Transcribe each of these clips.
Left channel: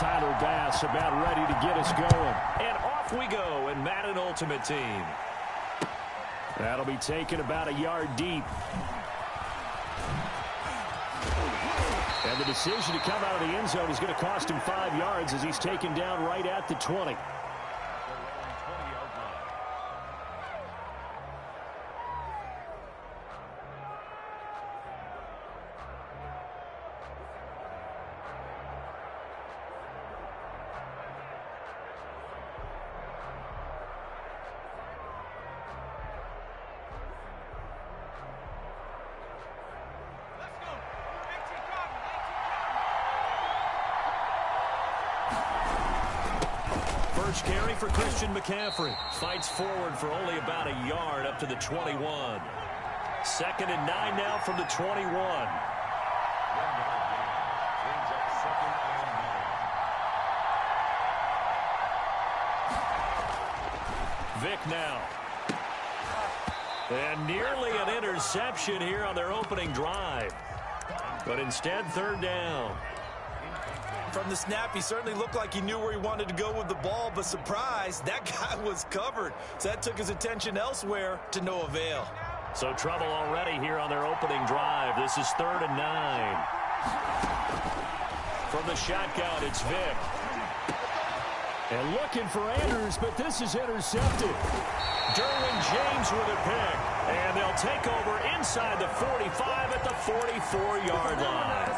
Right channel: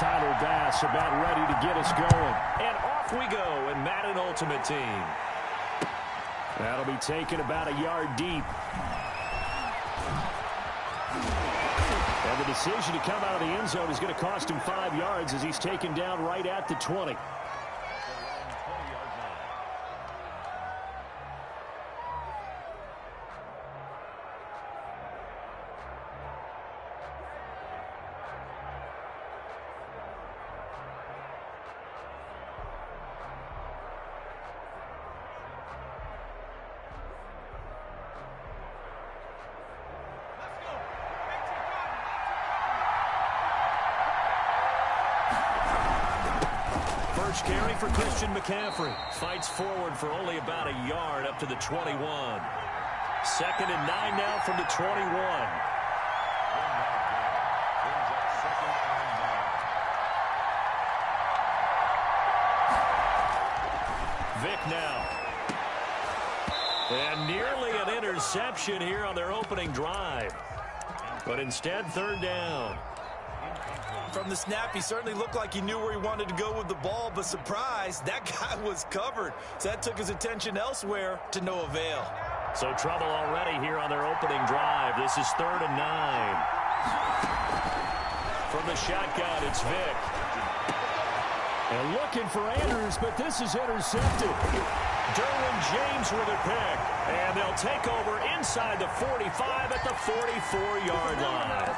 Tyler Bass about ready to get us going. And off we go in Madden Ultimate Team. That'll be taken about a yard deep. And the decision to come out of the end zone is going to cost him 5 yards as he's taken down right at the 20. First carry for Christian McCaffrey. Fights forward for only about a yard up to the 21. 2nd and 9 now from the 21. Vic now. And nearly an interception here on their opening drive. But instead, 3rd down. From the snap, he certainly looked like he knew where he wanted to go with the ball, but surprise, that guy was covered. So that took his attention elsewhere to no avail. So trouble already here on their opening drive. This is 3rd and 9. From the shotgun, it's Vic. And looking for Andrews, but this is intercepted. Derwin James with a pick. And they'll take over inside the 45 at the 44-yard line.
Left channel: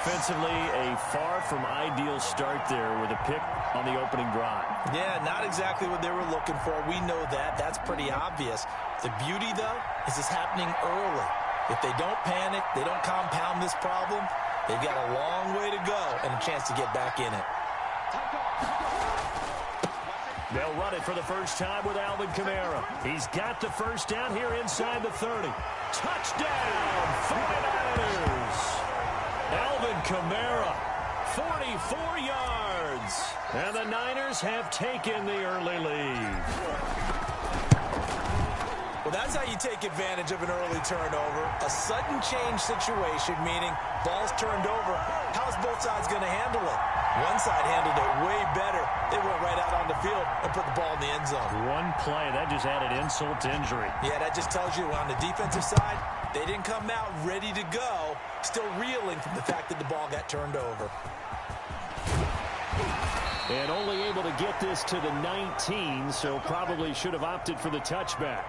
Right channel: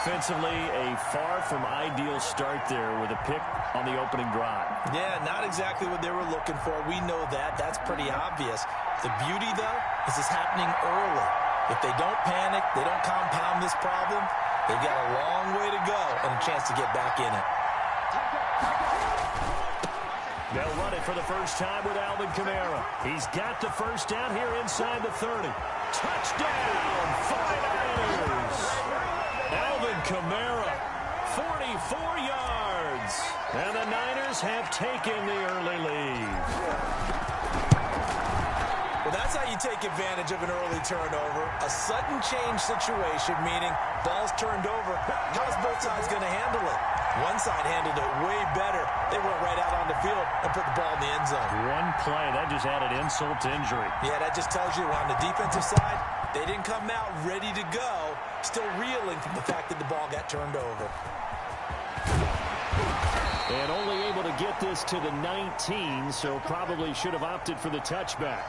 Offensively, a far from ideal start there with a pick on the opening drive. Yeah, not exactly what they were looking for. We know that. That's pretty obvious. The beauty, though, is it's happening early. If they don't panic, they don't compound this problem, they've got a long way to go and a chance to get back in it. They'll run it for the first time with Alvin Kamara. He's got the first down here inside the 30. Touchdown, 49ers! Alvin Kamara, 44 yards. And the Niners have taken the early lead. Well, that's how you take advantage of an early turnover. A sudden change situation, meaning ball's turned over. How's both sides going to handle it? One side handled it way better. They went right out on the field and put the ball in the end zone. One play, that just added insult to injury. Yeah, that just tells you on the defensive side, they didn't come out ready to go, still reeling from the fact that the ball got turned over. And only able to get this to the 19, so probably should have opted for the touchback.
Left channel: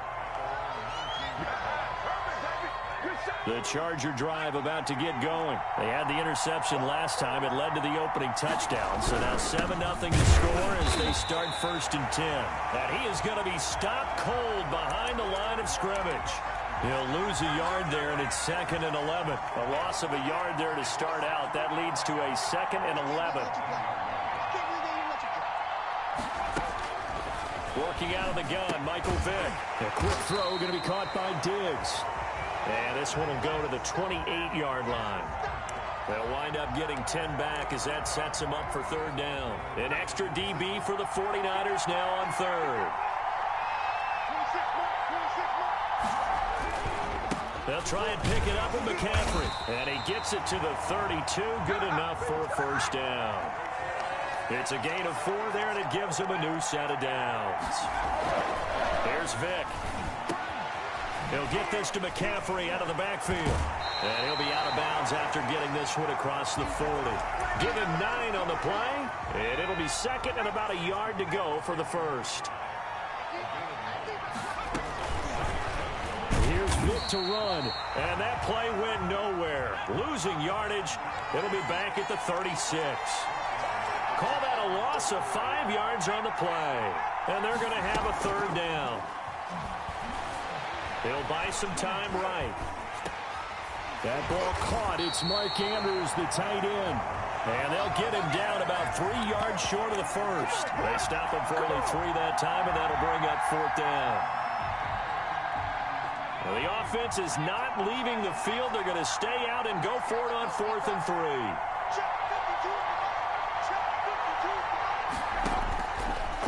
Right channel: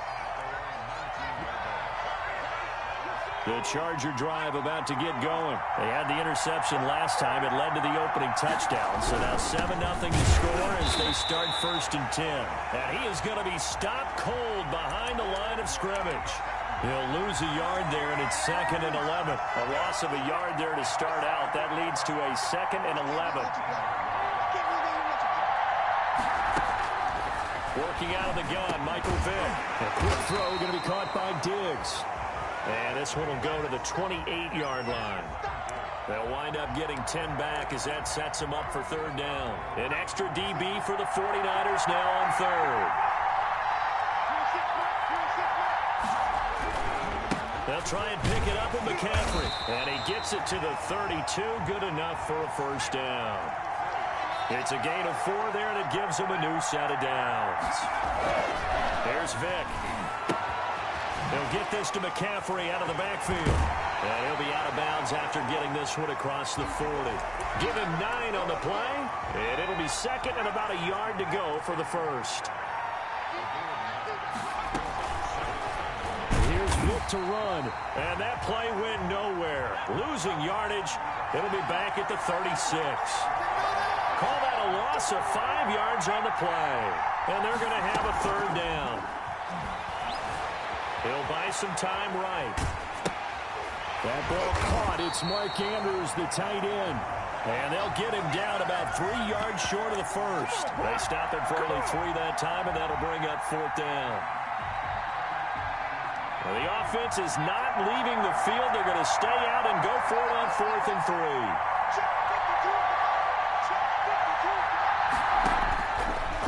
The Charger drive about to get going. They had the interception last time. It led to the opening touchdown. So now 7-0 to score as they start 1st and 10. And he is going to be stopped cold behind the line of scrimmage. He'll lose a yard there, and it's 2nd and 11. A loss of a yard there to start out. That leads to a 2nd and 11. Working out of the gun, Michael Vick. A quick throw going to be caught by Diggs. And this one will go to the 28-yard line. They'll wind up getting 10 back as that sets them up for 3rd down. An extra DB for the 49ers now on 3rd. They'll try and pick it up with McCaffrey. And he gets it to the 32. Good enough for a 1st down. It's a gain of 4 there, and it gives him a new set of downs. Here's Vic. He'll get this to McCaffrey out of the backfield. And he'll be out of bounds after getting this one across the 40. Give him 9 on the play. And it'll be 2nd and about a yard to go for the 1st. Here's Vic to run. And that play went nowhere. Losing yardage. It'll be back at the 36. Call that a loss of 5 yards on the play. And they're going to have a 3rd down. He'll buy some time right. That ball caught. It's Mark Andrews, the tight end. And they'll get him down about 3 yards short of the 1st. They stop him for only 3 that time, and that'll bring up 4th down. Well, the offense is not leaving the field. They're going to stay out and go for it on 4th and 3.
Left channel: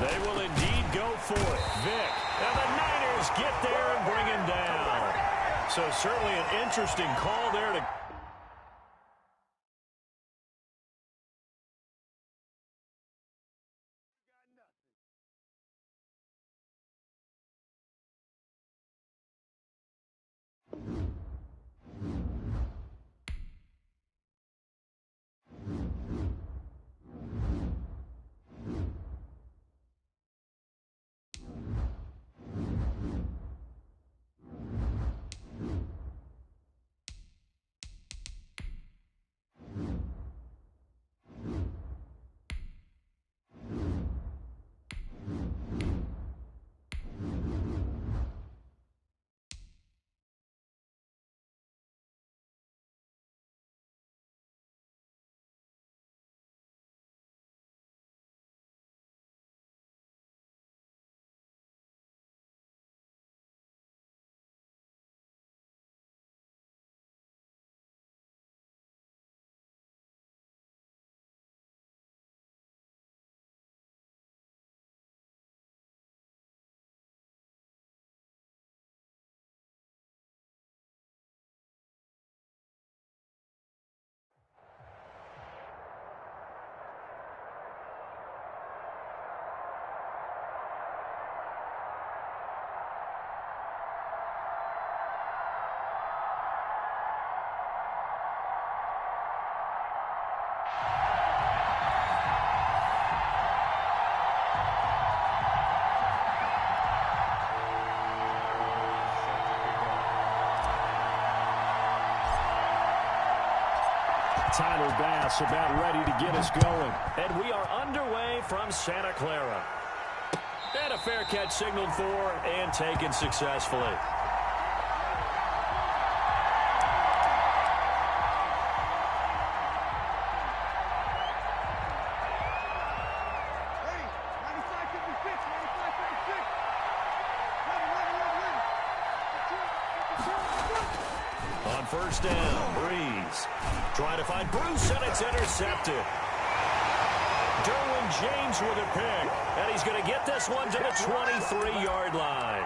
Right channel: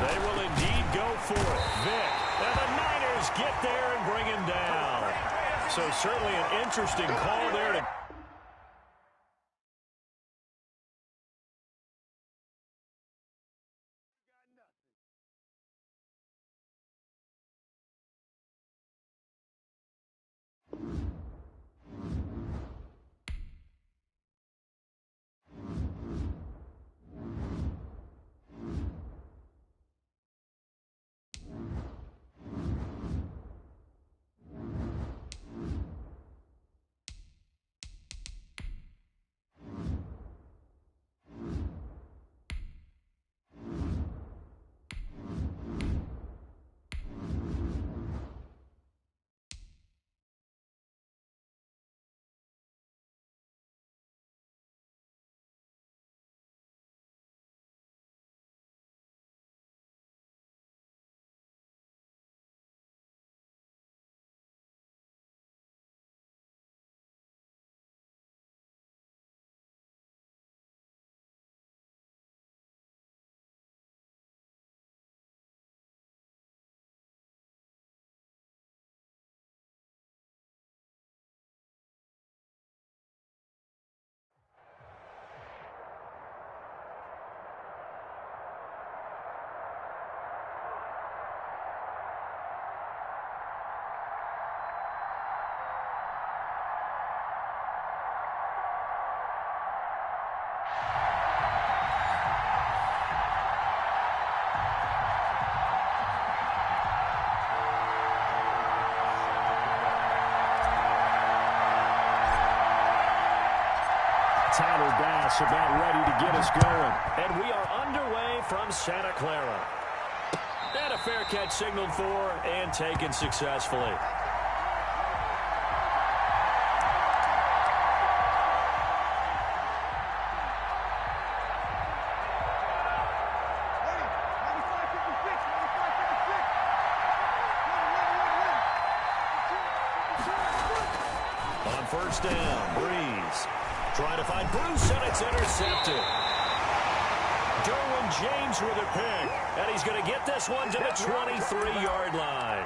They will indeed go for it. Vic. And the Niners get there and bring him down. So certainly an interesting call there to Tyler Bass about ready to get us going. And we are underway from Santa Clara. And a fair catch signaled for and taken successfully. On first down, Breeze trying to find Bruce, and it's intercepted. Derwin James with a pick, and he's going to get this one to the 23-yard line.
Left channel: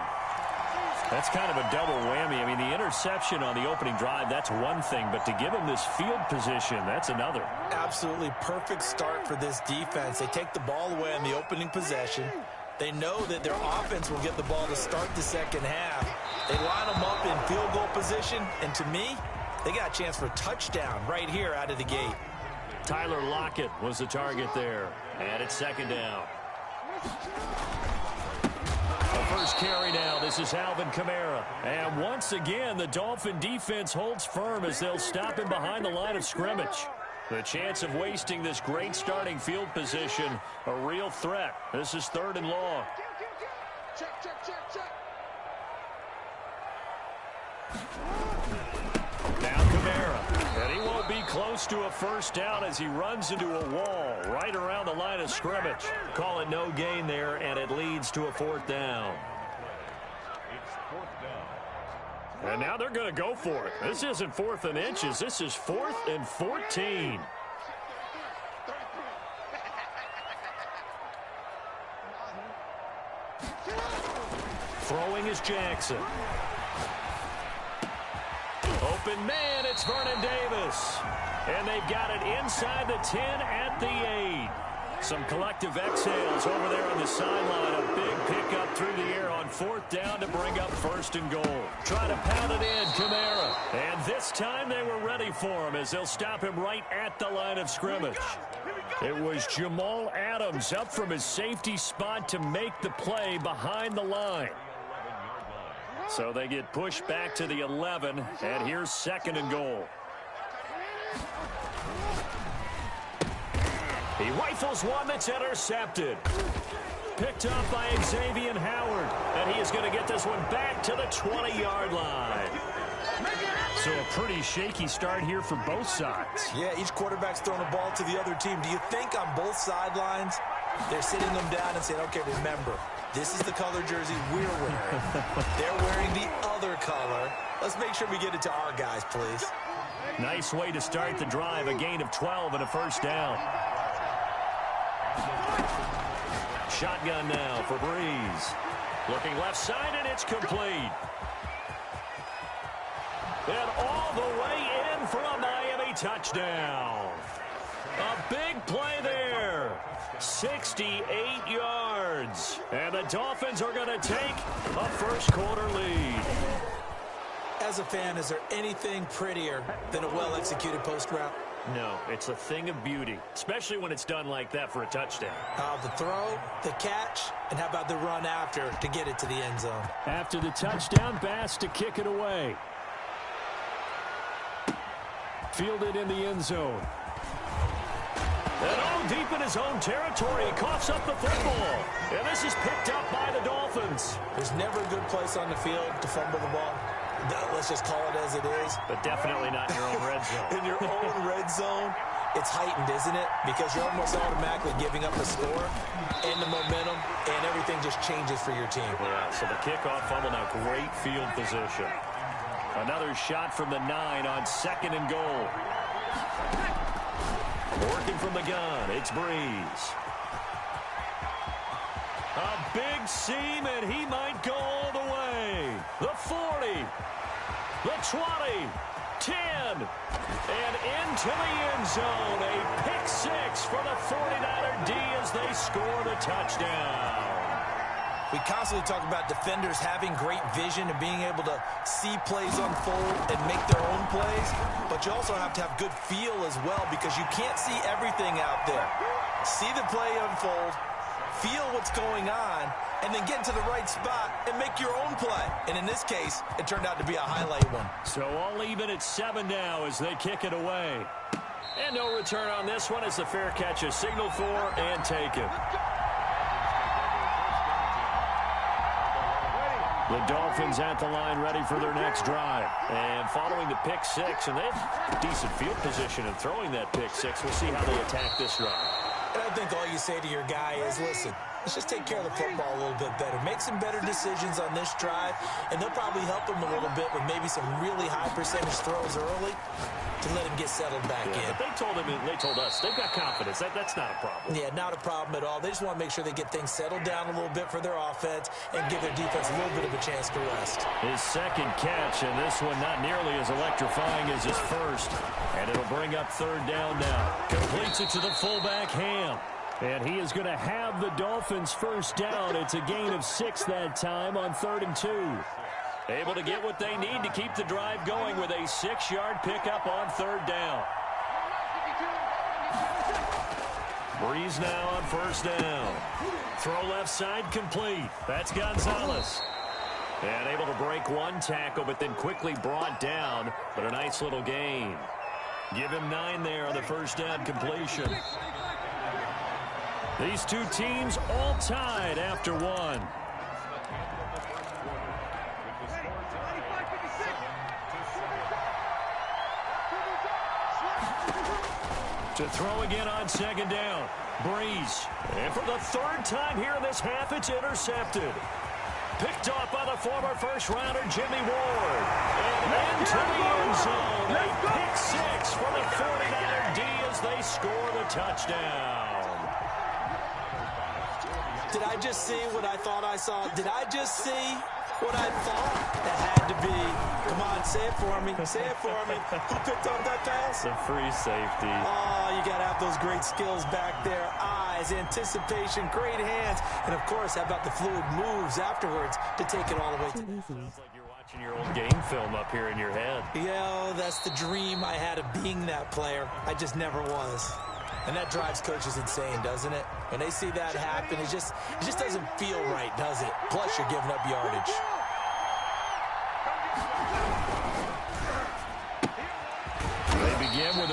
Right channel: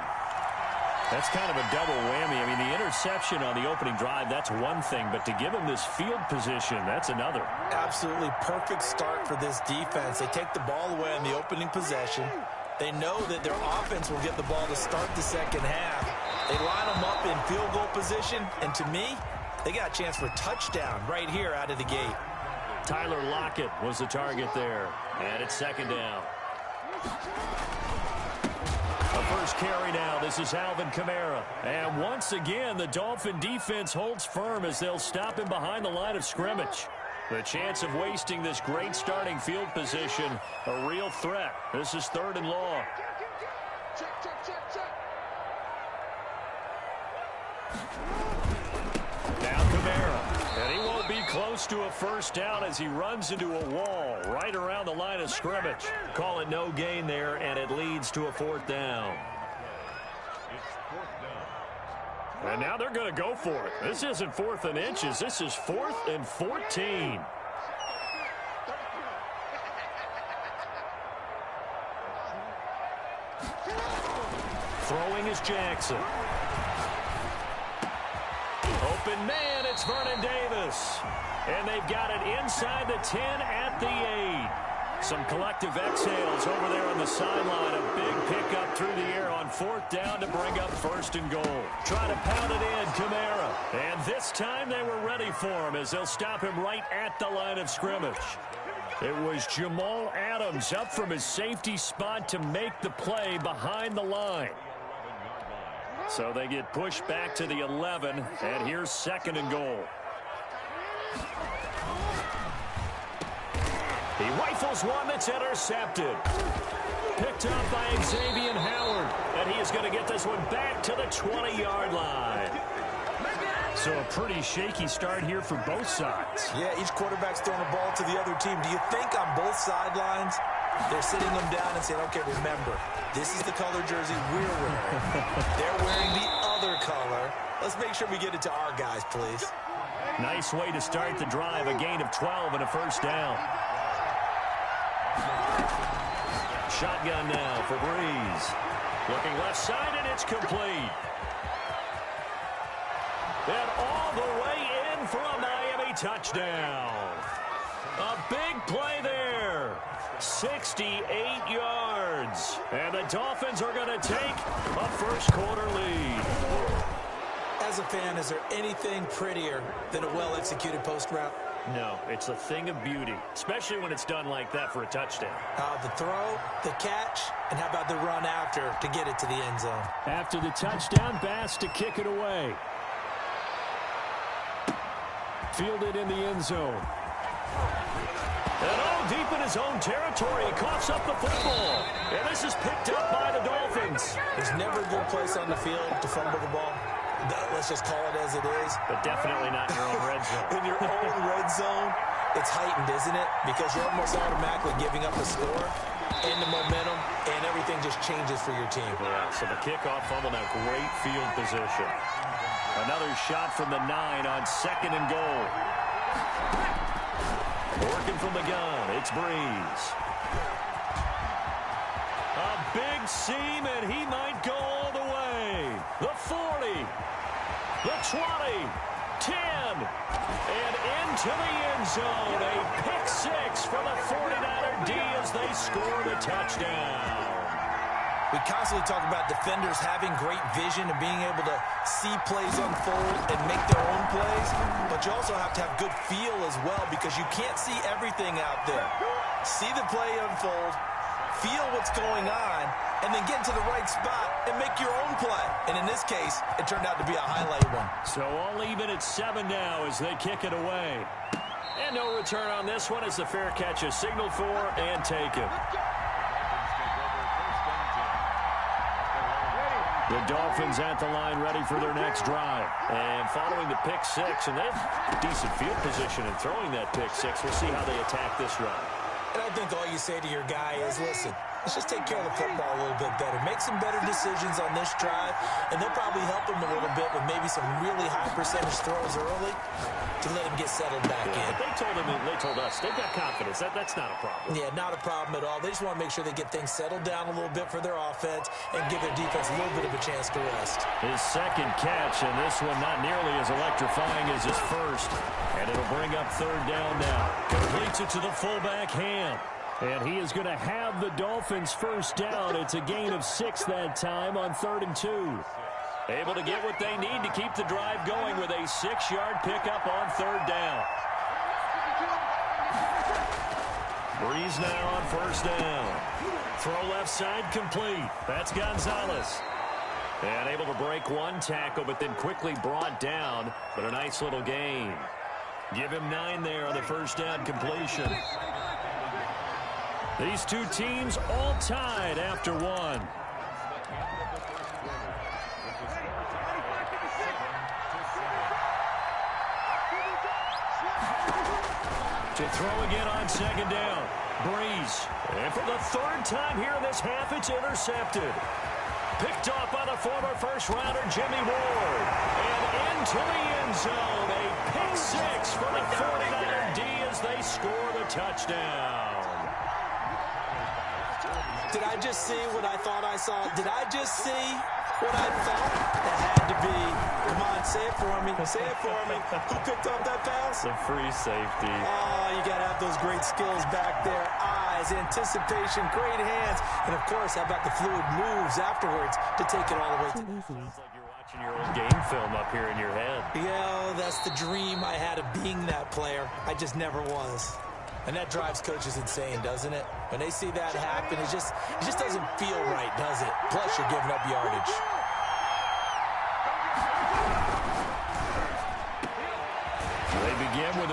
That's kind of a double whammy. I mean, the interception on the opening drive, that's one thing, but to give him this field position, that's another. Absolutely perfect start for this defense. They take the ball away on the opening possession. They know that their offense will get the ball to start the second half. They line them up in field goal position, and to me, they got a chance for a touchdown right here out of the gate. Tyler Lockett was the target there, and it's second down. The first carry now. This is Alvin Kamara. And once again, the Dolphin defense holds firm as they'll stop him behind the line of scrimmage. The chance of wasting this great starting field position, a real threat. This is 3rd and long. Now Kamara, and he won't be close to a first down as he runs into a wall right around the line of scrimmage. Call it no gain there, and it leads to a 4th down. And now they're going to go for it. This isn't 4th and inches. This is 4th and 14. Throwing is Jackson. Open man, it's Vernon Davis. And they've got it inside the 10 at the 8. Some collective exhales over there on the sideline. A big pickup through the air on 4th down to bring up 1st and goal. Trying to pound it in, Kamara. And this time they were ready for him as they'll stop him right at the line of scrimmage. It was Jamal Adams up from his safety spot to make the play behind the line. So they get pushed back to the 11, and here's 2nd and goal. He rifles one that's intercepted. Picked up by Xavier Howard, and he is going to get this one back to the 20-yard line. So a pretty shaky start here for both sides. Yeah, each quarterback's throwing the ball to the other team. Do you think on both sidelines they're sitting them down and saying, okay, remember, this is the color jersey we're wearing. They're wearing the other color. Let's make sure we get it to our guys, please. Nice way to start the drive. A gain of 12 and a 1st down. Shotgun now for Breeze. Looking left side, and it's complete. And all the way in for a Miami touchdown. A big play there. 68 yards. And the Dolphins are going to take a first-quarter lead. As a fan, is there anything prettier than a well-executed post route? No, it's a thing of beauty, especially when it's done like that for a touchdown. The throw, the catch, and how about the run after to get it to the end zone? After the touchdown, Bass to kick it away. Fielded in the end zone. And all deep in his own territory, he coughs up the football. And this is picked up by the Dolphins. There's never a good place on the field to fumble the ball. Let's just call it as it is. But definitely not in your own red zone. In your own red zone, it's heightened, isn't it? Because you're almost automatically giving up a score and the momentum, and everything just changes for your team. Yeah, so the kickoff fumble, now great field position. Another shot from the 9 on 2nd and goal. Working from the gun, it's Breeze. A big seam, and he might go all the way. The 40, the 20, 10, and into the end zone. A pick 6 for the 49er D as they score the touchdown. We constantly talk about defenders having great vision and being able to see plays unfold and make their own plays, but you also have to have good feel as well because you can't see everything out there. See the play unfold, feel what's going on, and then get into the right spot and make your own play. And in this case, it turned out to be a highlight one. So all even at 7 now as they kick it away. And no return on this one as the fair catch is signaled for and taken. The Dolphins at the line ready for their next drive. And following the pick six, and they have decent field position in throwing that pick six. We'll see how they attack this drive. And I think all you say to your guy is, listen, let's just take care of the football a little bit better. Make some better decisions on this drive, and they'll probably help him a little bit with maybe some really high percentage throws early to let him get settled back in. But they told us, they've got confidence. That's not a problem. Yeah, not a problem at all. They just want to make sure they get things settled down a little bit for their offense and give their defense a little bit of a chance to rest. His second catch, and this one not nearly as electrifying as his first. And it'll bring up third down now. Completes it to the fullback, Ham. And he is going to have the Dolphins first down. It's a gain of 6 that time on 3rd and 2. Able to get what they need to keep the drive going with a 6-yard pickup on 3rd down. Breeze now on 1st down. Throw left side complete. That's Gonzalez. And able to break one tackle, but then quickly brought down. But a nice little gain. Give him 9 there on the 1st down completion. These two teams all tied after one. To throw again on 2nd down. Breeze. And for the 3rd time here in this half, it's intercepted. Picked off by the former first-rounder Jimmy Ward. And into the end zone. A pick 6 for the 49er D as they score the touchdown. Did I just see what I thought I saw? Did I just see what I thought? That had to be. Come on, say it for me. Say it for me. Who picked up that pass? The free safety. Oh, you got to have those great skills back there. Eyes, anticipation, great hands. And, of course, how about the fluid moves afterwards to take it all the way to the Sounds like you're watching your old game film up here in your head. Yeah, that's the dream I had of being that player. I just never was. And that drives coaches insane, doesn't it? When they see that happen, it just doesn't feel right, does it? Plus, you're giving up yardage. They begin with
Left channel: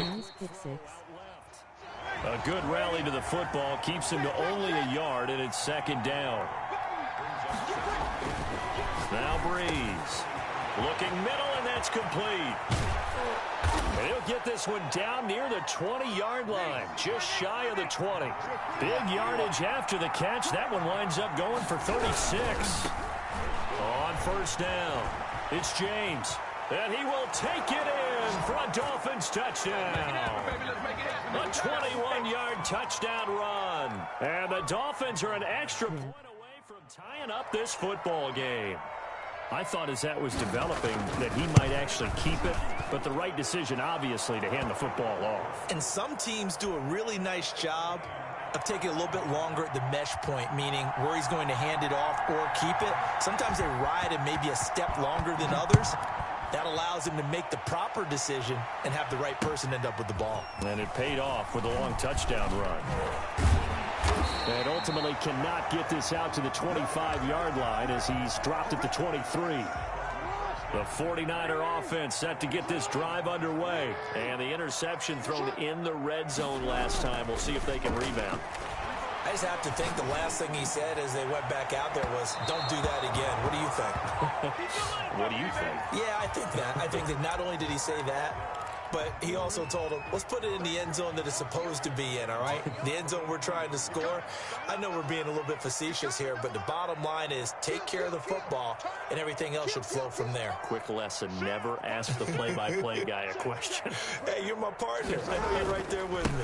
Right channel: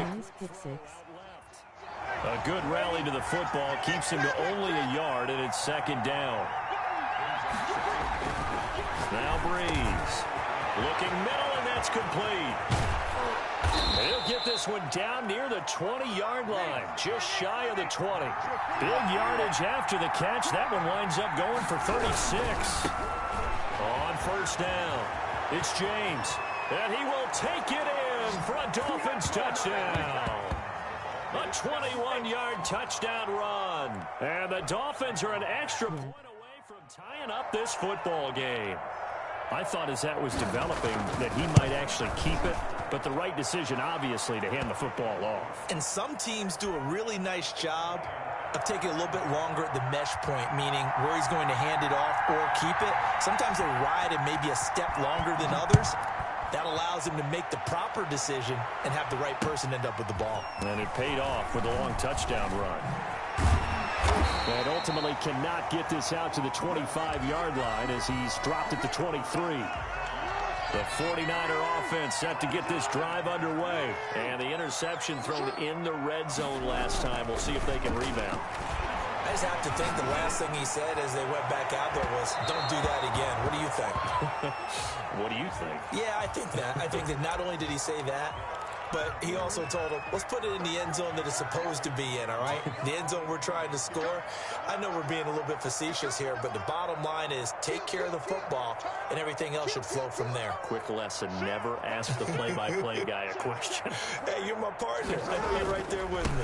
a good rally to the football, keeps him to only a yard, and it's 2nd down. Now Breeze. Looking middle, and that's complete. And he'll get this one down near the 20-yard line, just shy of the 20. Big yardage after the catch. That one winds up going for 36. On 1st down, it's James. And he will take it in for a Dolphins touchdown. A 21-yard touchdown run. And the Dolphins are an extra point away from tying up this football game. I thought as that was developing that he might actually keep it, but the right decision, obviously, to hand the football off. And some teams do a really nice job of taking a little bit longer at the mesh point, meaning where he's going to hand it off or keep it. Sometimes they ride it maybe a step longer than others. That allows him to make the proper decision and have the right person end up with the ball. And it paid off with a long touchdown run. And ultimately cannot get this out to the 25-yard line as he's dropped at the 23. The 49er offense set to get this drive underway. And the interception thrown in the red zone last time. We'll see if they can rebound. I just have to think the last thing he said as they went back out there was, don't do that again. What do you think? What do you think? Yeah, I think that. I think that not only did he say that, but he also told him, let's put it in the end zone that it's supposed to be in, all right? The end zone we're trying to score. I know we're being a little bit facetious here, but the bottom line is take care of the football, and everything else should flow from there. Quick lesson, never ask the play-by-play guy a question. Hey, you're my partner. I know you're right there with me.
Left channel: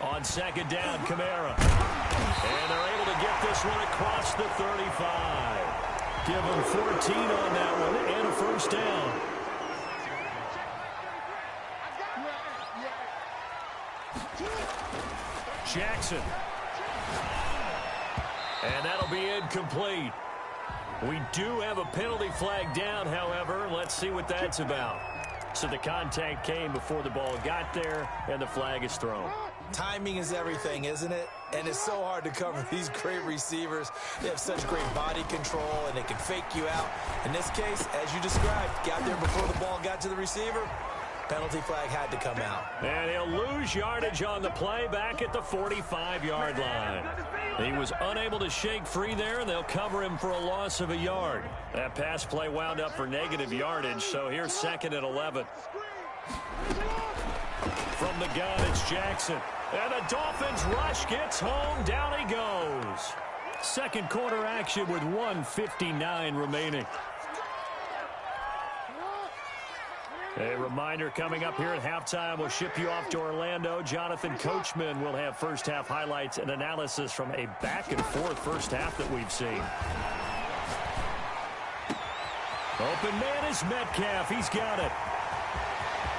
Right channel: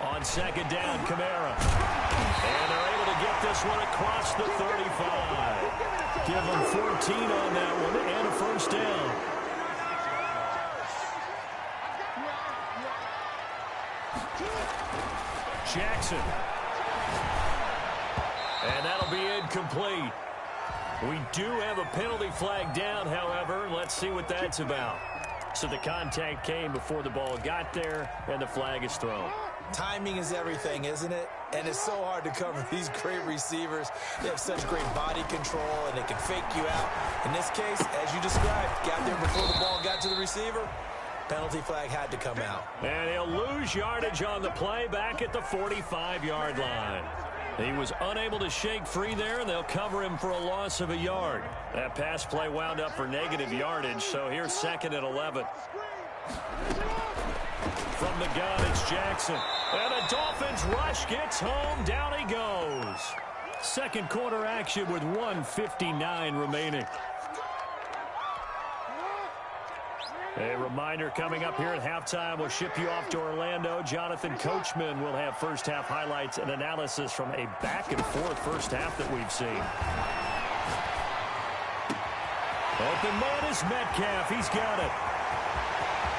On 2nd down, Kamara. And they're able to get this one across the 35. Give them 14 on that one and a 1st down. Jackson. And that'll be incomplete. We do have a penalty flag down, however. Let's see what that's about. So the contact came before the ball got there, and the flag is thrown. Timing is everything, isn't it? And it's so hard to cover these great receivers. They have such great body control, and they can fake you out. In this case, as you described, got there before the ball got to the receiver. Penalty flag had to come out. And he'll lose yardage on the play back at the 45-yard line. He was unable to shake free there, and they'll cover him for a loss of a yard. That pass play wound up for negative yardage, so here's 2nd and 11. From the gun, it's Jackson. And the Dolphins rush gets home. Down he goes. Second quarter action with 1:59 remaining. A reminder coming up here at halftime. We'll ship you off to Orlando. Jonathan Coachman will have first half highlights and analysis from a back-and-forth first half that we've seen. Open man is Metcalf. He's got it.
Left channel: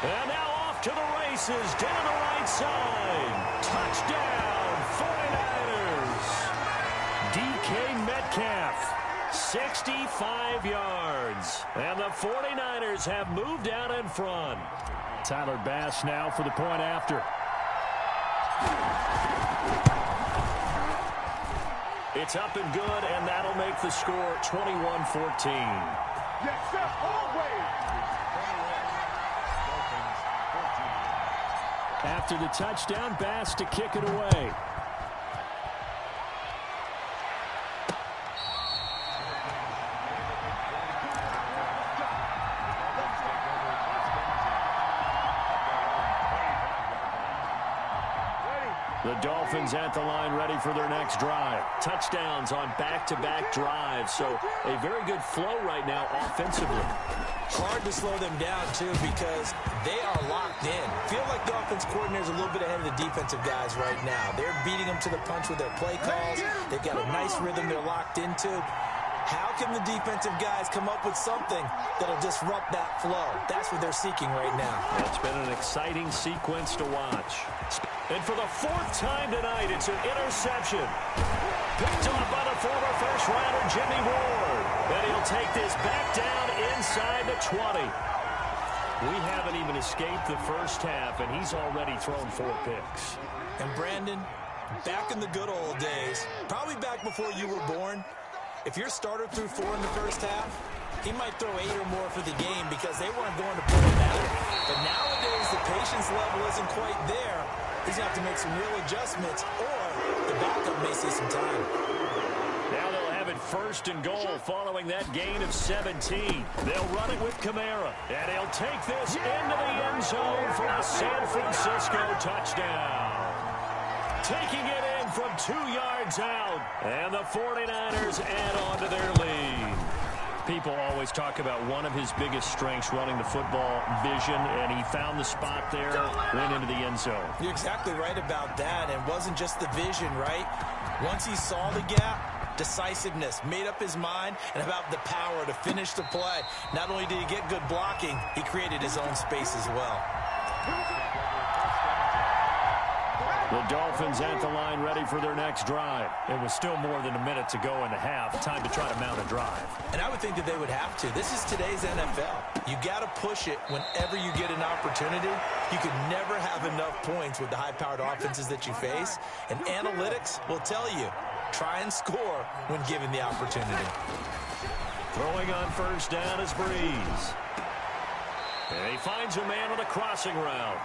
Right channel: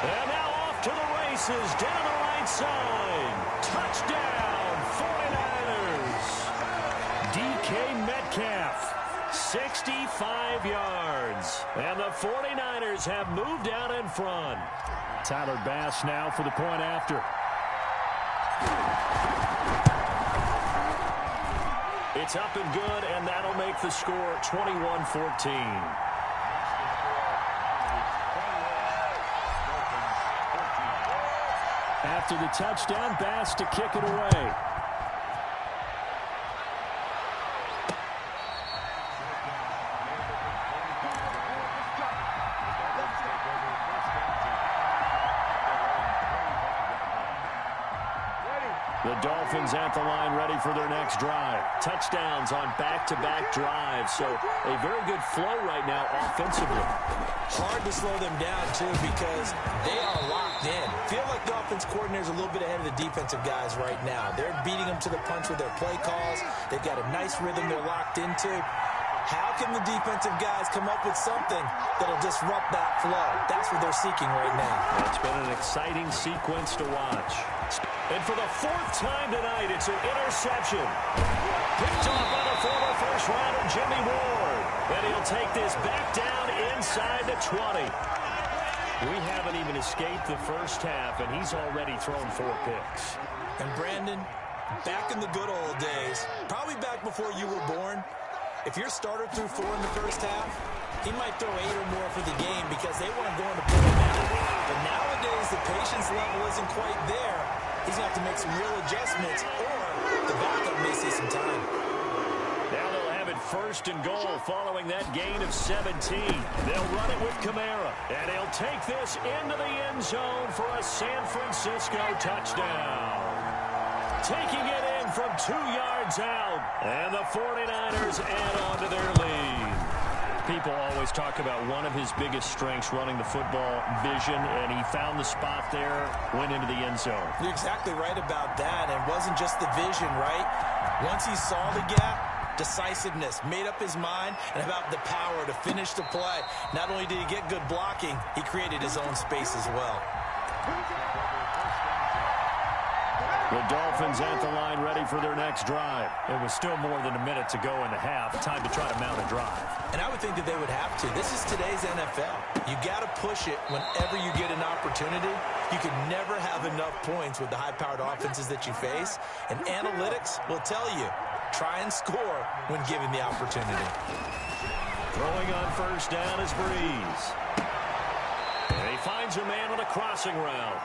And now off to the races. Down the right side. Touchdown, 49ers. DK Metcalf. 65 yards. And the 49ers have moved out in front. Tyler Bass now for the point after. It's up and good, and that'll make the score 21-14. After the touchdown, Bass to kick it away. The Dolphins at the line ready for their next drive. Touchdowns on back-to-back drives, so a very good flow right now offensively. Hard to slow them down, too, because they are locked in. Feel like the offense coordinator is a little bit ahead of the defensive guys right now. They're beating them to the punch with their play calls. They've got a nice rhythm they're locked into. How can the defensive guys come up with something that'll disrupt that flow? That's what they're seeking right now. Well, it's been an exciting sequence to watch. And for the 4th time tonight, it's an interception. Picked off by the former first-rounder Jimmy Ward. And he'll take this back down inside the 20. We haven't even escaped the first half, and he's already thrown 4 picks. And Brandon, back in the good old days, probably back before you were born, if your starter threw 4 in the first half, he might throw 8 or more for the game because they weren't going to put him out. But nowadays, the patience level isn't quite there. He's going to have to make some real adjustments, or the backup may see some time. Now they'll have it 1st and goal following that gain of 17. They'll run it with Kamara, and he'll take this into the end zone for a San Francisco touchdown. Taking it in from 2 yards out, and the 49ers add on to their lead. People always talk about one of his biggest strengths running the football, vision, and he found the spot there, went into the end zone. You're exactly right about that, and it wasn't just the vision, right? Once he saw the gap, decisiveness, made up his mind, and about the power to finish the play. Not only did he get good blocking, he created his own space as well. The Dolphins at the line ready for their next drive. It was still more than a minute to go in the half. Time to try to mount a drive. And I would think that they would have to. This is today's NFL. You got to push it whenever you get an opportunity. You can never have enough points with the high-powered offenses that you face. And analytics will tell you, try and score when given the opportunity. Throwing on first down is Breeze. And he finds a man on a crossing route.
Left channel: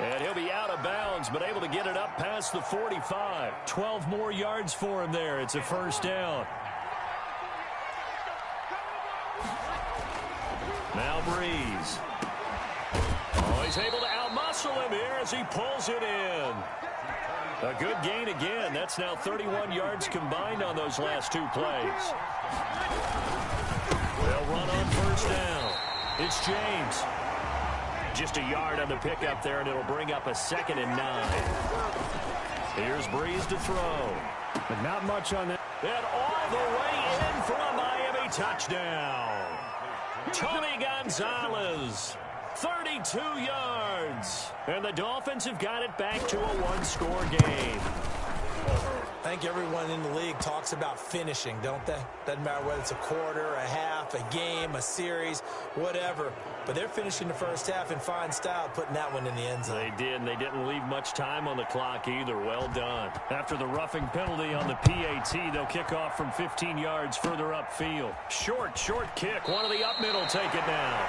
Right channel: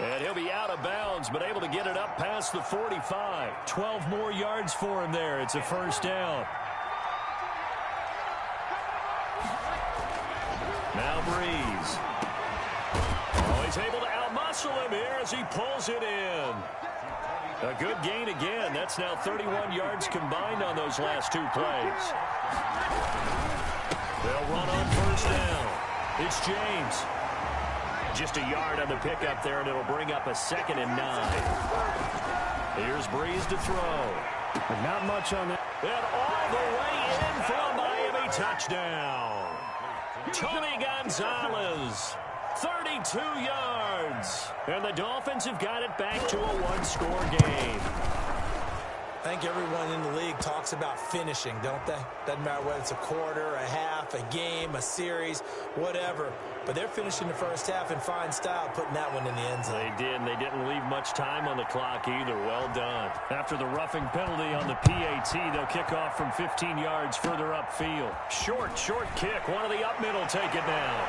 And he'll be out of bounds, but able to get it up past the 45. 12 more yards for him there. It's a first down. Now Breeze. Oh, he's able to outmuscle him here as he pulls it in. A good gain again. That's now 31 yards combined on those last 2 plays. They'll run on first down. It's James. Just a yard on the pickup there, and it'll bring up a 2nd and 9. Here's Breeze to throw. But not much on that. And all the way in for a Miami touchdown. Tony Gonzalez, 32 yards. And the Dolphins have got it back to a 1-score game. I think everyone in the league talks about finishing, don't they? Doesn't matter whether it's a quarter, a half, a game, a series, whatever. But they're finishing the first half in fine style, putting that one in the end zone. They did, and they didn't leave much time on the clock either. Well done. After the roughing penalty on the PAT, they'll kick off from 15 yards further upfield. Short kick. One of the up middle take it now.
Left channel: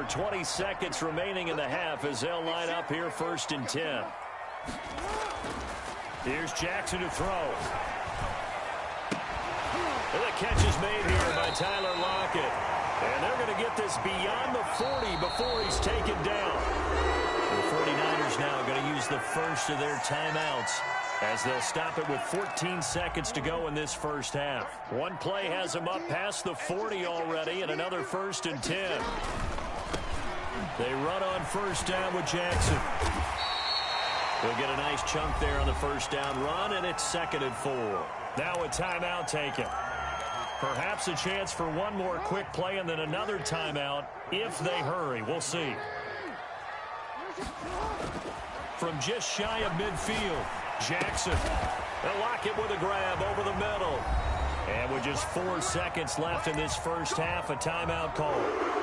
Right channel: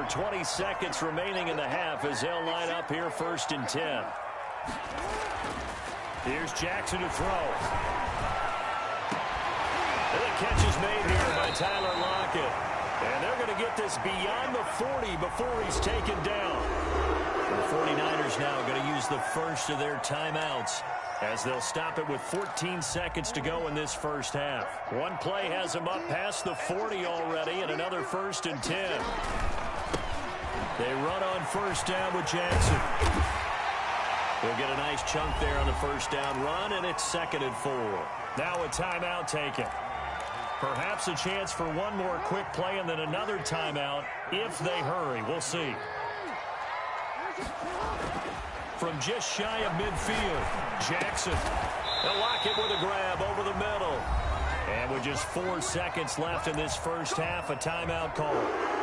over 20 seconds remaining in the half as they'll line up here 1st and 10. Here's Jackson to throw. And the catch is made here by Tyler Lockett. And they're going to get this beyond the 40 before he's taken down. The 49ers now going to use the first of their timeouts as they'll stop it with 14 seconds to go in this first half. One play has them up past the 40 already, and another 1st and 10. They run on 1st down with Jackson. He'll get a nice chunk there on the 1st down run, and it's 2nd and 4. Now a timeout taken. Perhaps a chance for one more quick play and then another timeout if they hurry. We'll see. From just shy of midfield, Jackson. They'll lock it with a grab over the middle. And with just 4 seconds left in this first half, a timeout call.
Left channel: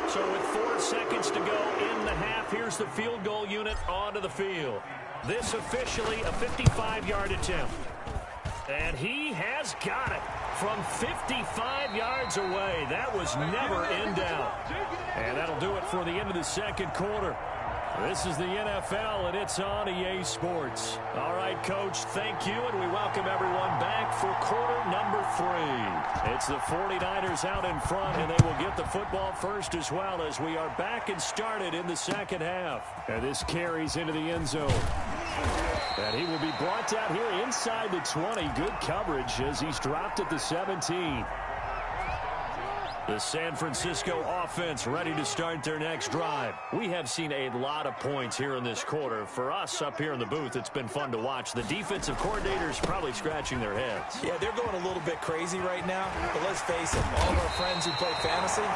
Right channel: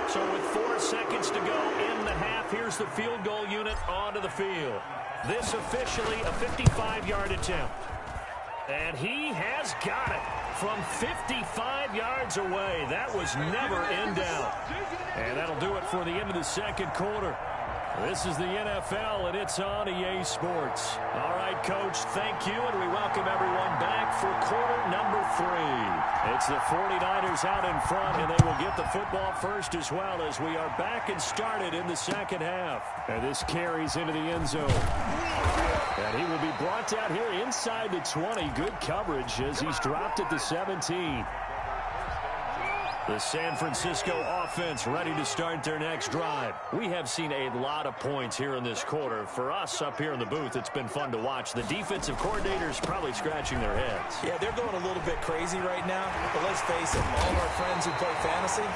So with 4 seconds to go in the half, here's the field goal unit onto the field. This officially a 55-yard attempt. And he has got it from 55 yards away. That was never in doubt. And that'll do it for the end of the second quarter. This is the NFL, and it's on EA Sports. All right, Coach, thank you, and we welcome everyone back for quarter number 3. It's the 49ers out in front, and they will get the football first as well as we are back and started in the second half. And this carries into the end zone. And he will be brought down here inside the 20. Good coverage as he's dropped at the 17. The San Francisco offense ready to start their next drive. We have seen a lot of points here in this quarter. For us up here in the booth, it's been fun to watch. The defensive coordinators probably scratching their heads. Yeah, they're going a little bit crazy right now. But let's face it, all of our friends who play fantasy,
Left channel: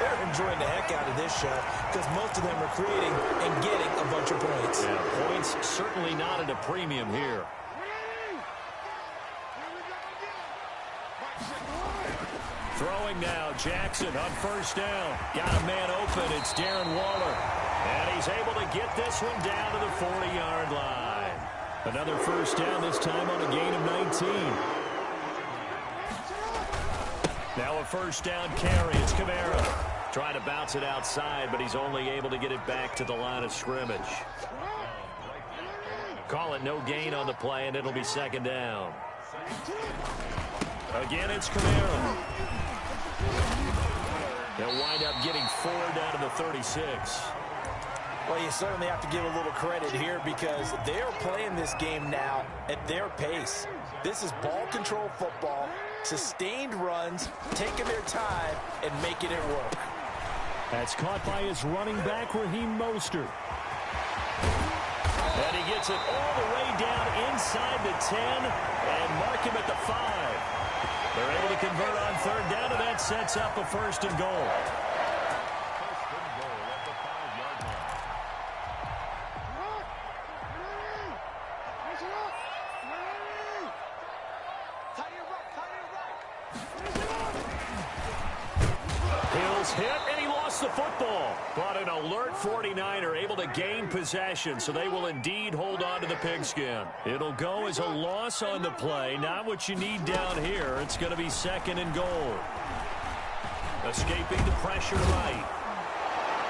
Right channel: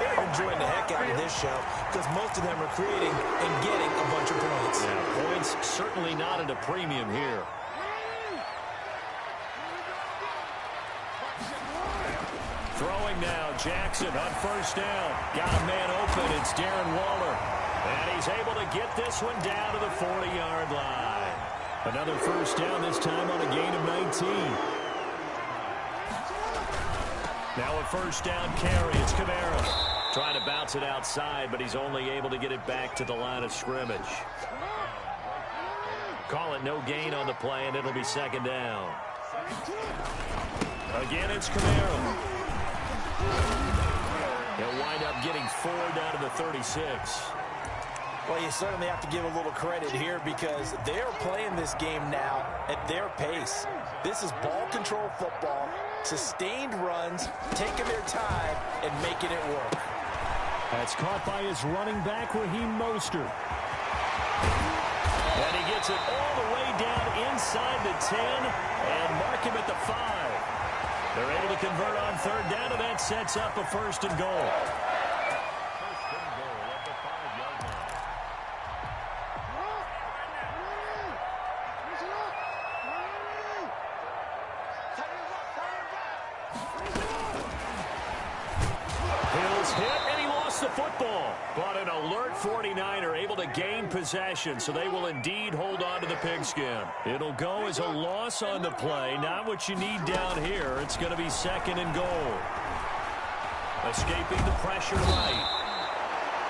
they're enjoying the heck out of this show because most of them are creating and getting a bunch of points. Yeah, points certainly not at a premium here. Throwing now, Jackson on 1st down. Got a man open. It's Darren Waller. And he's able to get this one down to the 40-yard line. Another 1st down, this time on a gain of 19. Now a 1st down carry. It's Kamara. Trying to bounce it outside, but he's only able to get it back to the line of scrimmage. Call it no gain on the play, and it'll be 2nd down. Again, it's Kamara. He'll wind up getting 4 down to the 36. Well, you certainly have to give a little credit here because they're playing this game now at their pace. This is ball control football, sustained runs, taking their time, and making it work. That's caught by his running back, Raheem Mostert. And he gets it all the way down inside the 10 and mark him at the 5. They're able to convert on 3rd down, and that sets up a 1st and goal. 1st and goal at the 5-yard line. Hill's hit, and he lost the football. But an alert 49er able to gain possession, so they will indeed hold on to the pigskin. It'll go as a loss on the play. Not what you need down here. It's going to be 2nd and goal. Escaping the pressure right.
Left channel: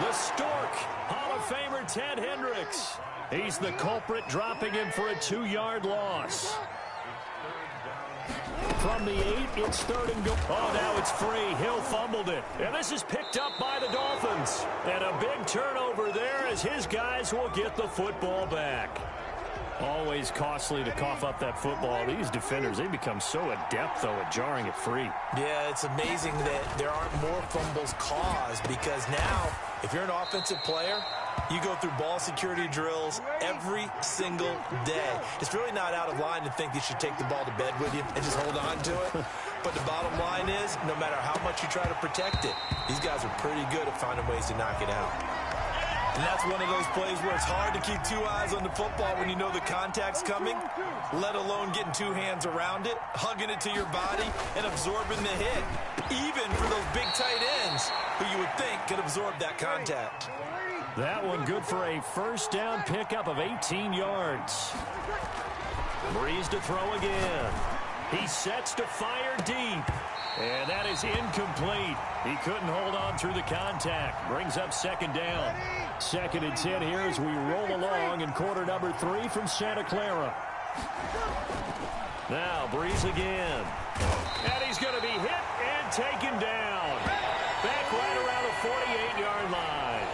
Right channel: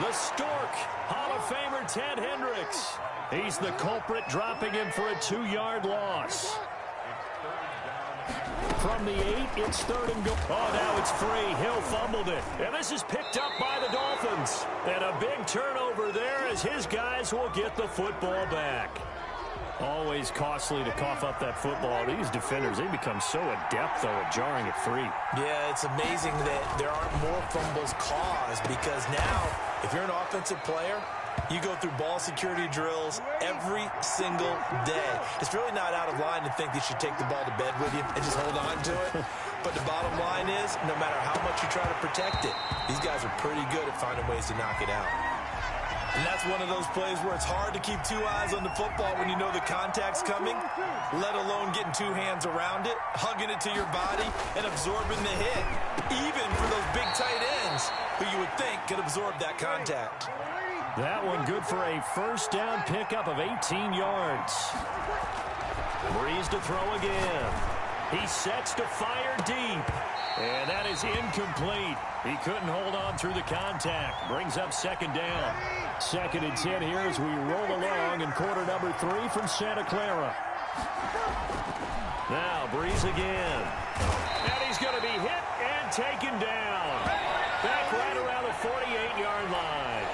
The Stork, Hall of Famer Ted Hendricks. He's the culprit, dropping him for a 2-yard loss. From the 8, it's 3rd and goal. Oh, now it's free. Hill fumbled it. And this is picked up by the Dolphins. And a big turnover there as his guys will get the football back. Always costly to cough up that football. These defenders, they become so adept, though, at jarring it free. Yeah, it's amazing that there aren't more fumbles caused because now, if you're an offensive player, you go through ball security drills every single day. It's really not out of line to think you should take the ball to bed with you and just hold on to it. But the bottom line is, no matter how much you try to protect it, these guys are pretty good at finding ways to knock it out. And that's one of those plays where it's hard to keep 2 eyes on the football when you know the contact's coming, let alone getting 2 hands around it, hugging it to your body, and absorbing the hit, even for those big tight ends who you would think could absorb that contact. That one good for a 1st down pickup of 18 yards. Breeze to throw again. He sets to fire deep. And that is incomplete. He couldn't hold on through the contact. Brings up second down. 2nd and 10 here as we roll along in quarter number 3 from Santa Clara. Now Breeze again. And he's going to be hit and taken down. Back right around the 48-yard line.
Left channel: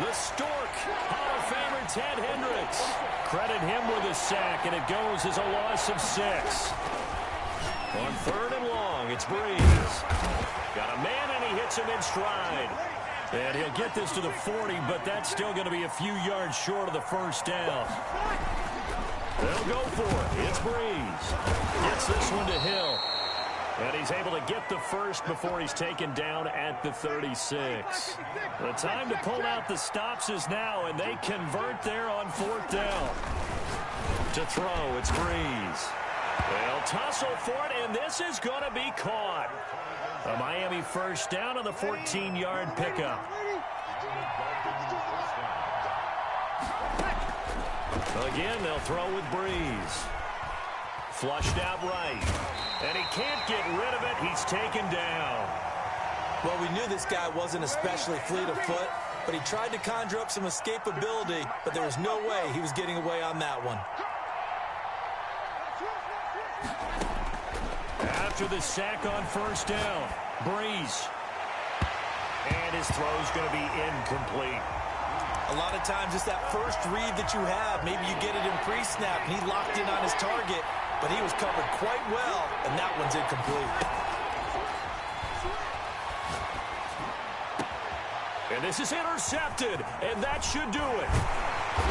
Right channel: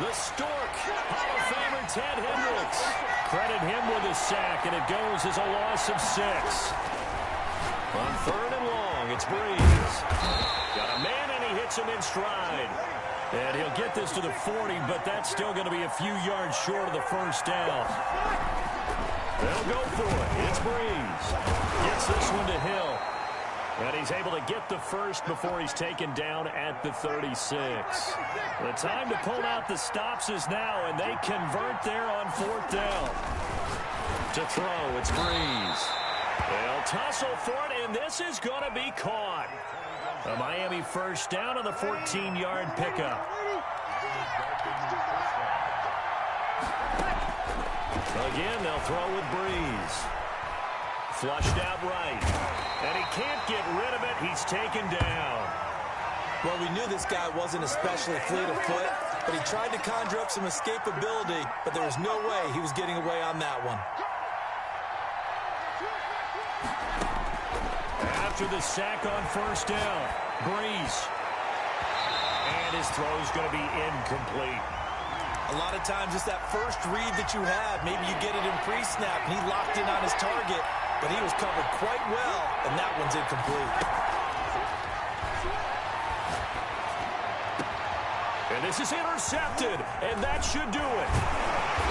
The Stork, Hall of Famer Ted Hendricks. Credit him with a sack, and it goes as a loss of 6. On 3rd and long, it's Breeze. Got a man, and he hits him in stride. And he'll get this to the 40, but that's still going to be a few yards short of the first down. They'll go for it. It's Breeze. Gets this one to Hill. And he's able to get the first before he's taken down at the 36. The time to pull out the stops is now, and they convert there on 4th down. To throw, it's Breeze. They'll tussle for it, and this is going to be caught. A Miami first down on the 14-yard pickup. Again, they'll throw with Breeze. Flushed out right. And he can't get rid of it. He's taken down. Well, we knew this guy wasn't especially fleet of foot, but he tried to conjure up some escapability, but there was no way he was getting away on that one. After the sack on first down, Breeze. And his throw's going to be incomplete. A lot of times it's that first read that you have. Maybe you get it in pre-snap, and he locked in on his target, but he was covered quite well, and that one's incomplete. And this is intercepted, and that should do it.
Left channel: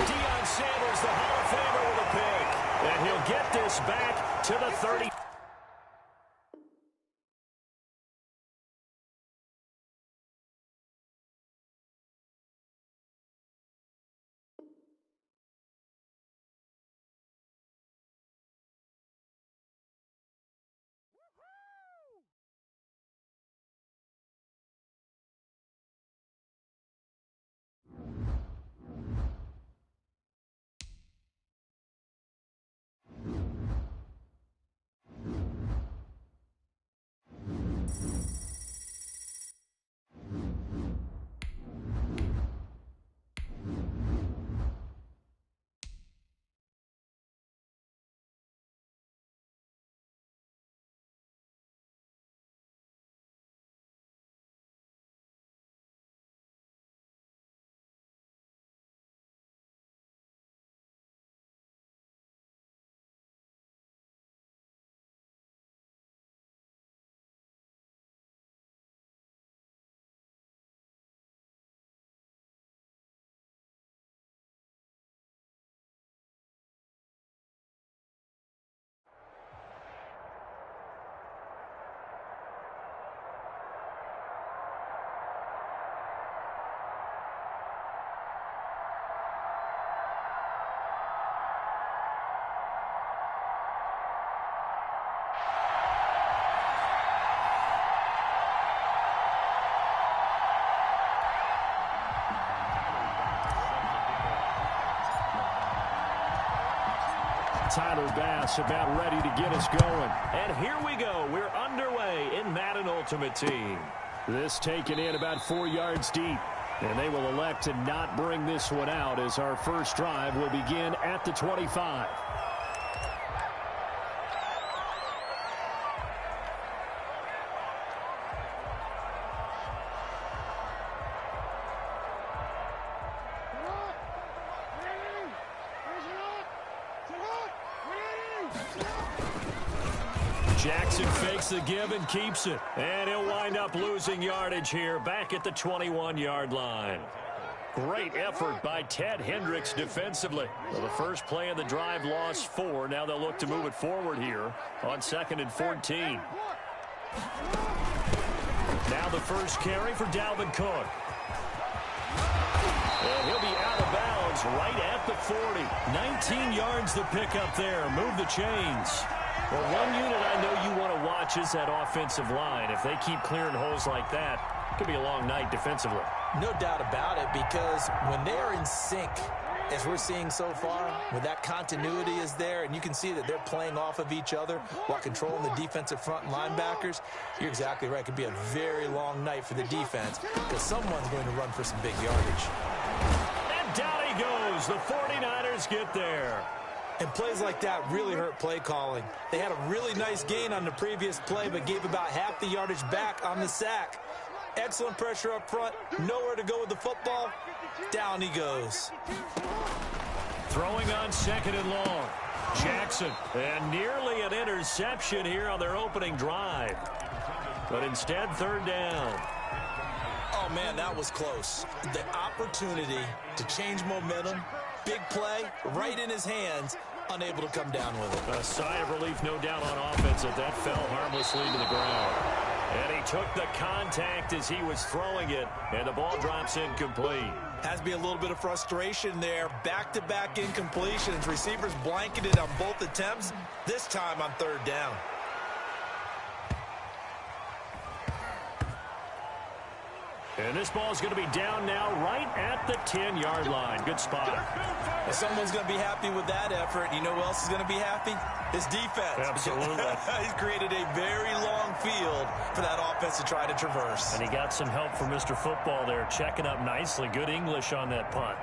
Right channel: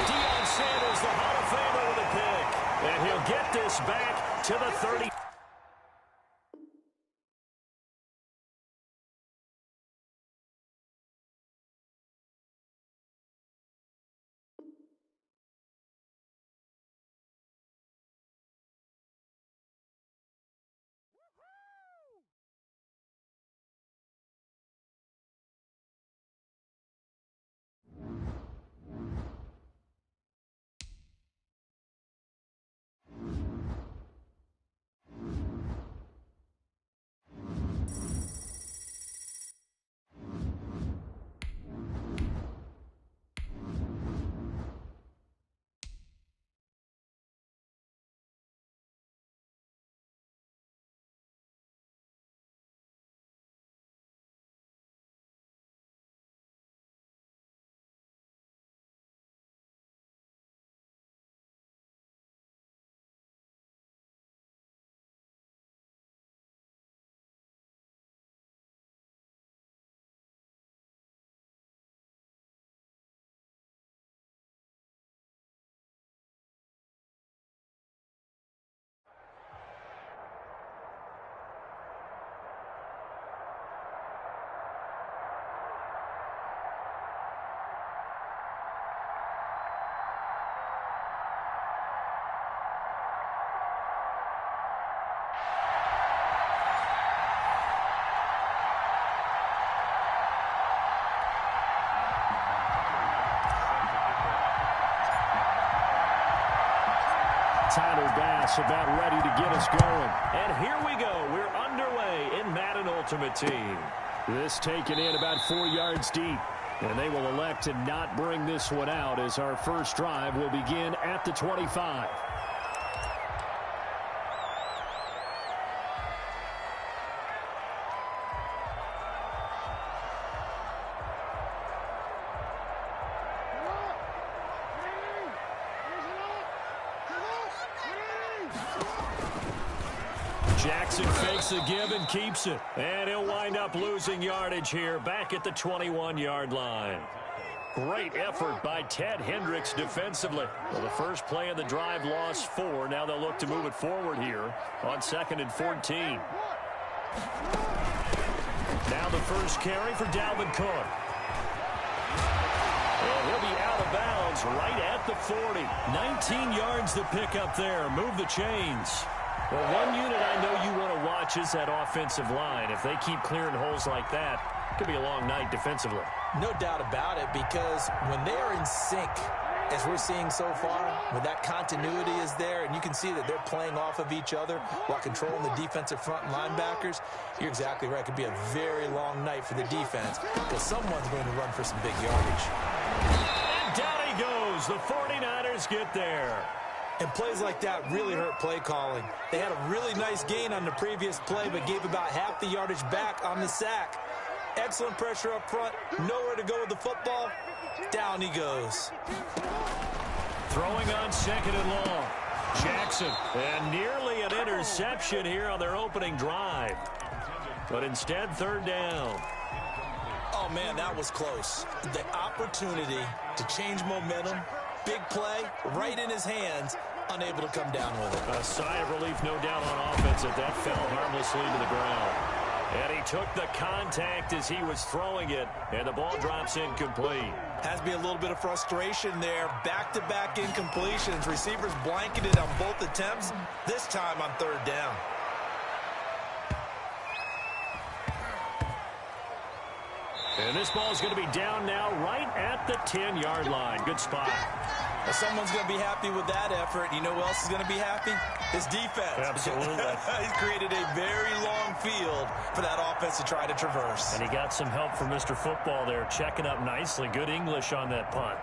Deion Sanders, the Hall of Famer, with a pick. And he'll get this back to the 30. Tyler Bass about ready to get us going. And here we go. We're underway in Madden Ultimate Team. This taken in about 4 yards deep. And they will elect to not bring this one out as our first drive will begin at the 25. Jackson fakes the give and keeps it. And he'll wind up losing yardage here back at the 21-yard line. Great effort by Ted Hendricks defensively. Well, the first play of the drive lost 4. Now they'll look to move it forward here on 2nd and 14. Now the first carry for Dalvin Cook. And he'll be out of bounds right at the 40. 19 yards to pick up there. Move the chains. Well, one unit I know you want to watch is that offensive line. If they keep clearing holes like that, it could be a long night defensively. No doubt about it, because when they are in sync, as we're seeing so far, when that continuity is there and you can see that they're playing off of each other while controlling the defensive front and linebackers, you're exactly right. It could be a very long night for the defense because someone's going to run for some big yardage. And down he goes. The 49ers get there. And plays like that really hurt play calling. They had a really nice gain on the previous play, but gave about half the yardage back on the sack. Excellent pressure up front. Nowhere to go with the football. Down he goes. Throwing on 2nd and long. Jackson. And nearly an interception here on their opening drive. But instead, 3rd down. Oh, man, that was close. The opportunity to change momentum, big play, right in his hands, unable to come down with it. A sigh of relief, no doubt, on offense that fell harmlessly to the ground. And he took the contact as he was throwing it, and the ball drops incomplete. Has to be a little bit of frustration there. Back-to-back incompletions. Receivers blanketed on both attempts, this time on 3rd down. And this ball is going to be down now right at the 10-yard line. Good spot. Well, someone's going to be happy with that effort. You know who else is going to be happy? His defense. Absolutely. He's created a very long field for that offense to try to traverse. And he got some help from Mr. Football there, checking up nicely. Good English on that punt.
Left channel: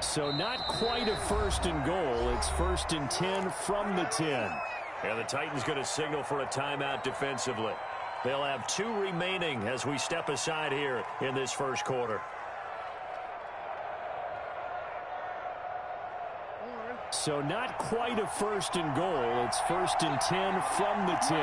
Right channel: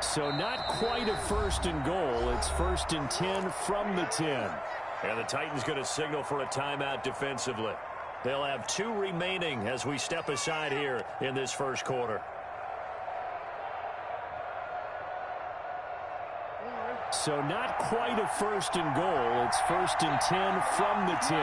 So not quite a 1st and goal. It's 1st and 10 from the 10. And the Titans going to signal for a timeout defensively. They'll have 2 remaining as we step aside here in this 1st quarter. So not quite a 1st and goal. It's 1st and 10 from the 10.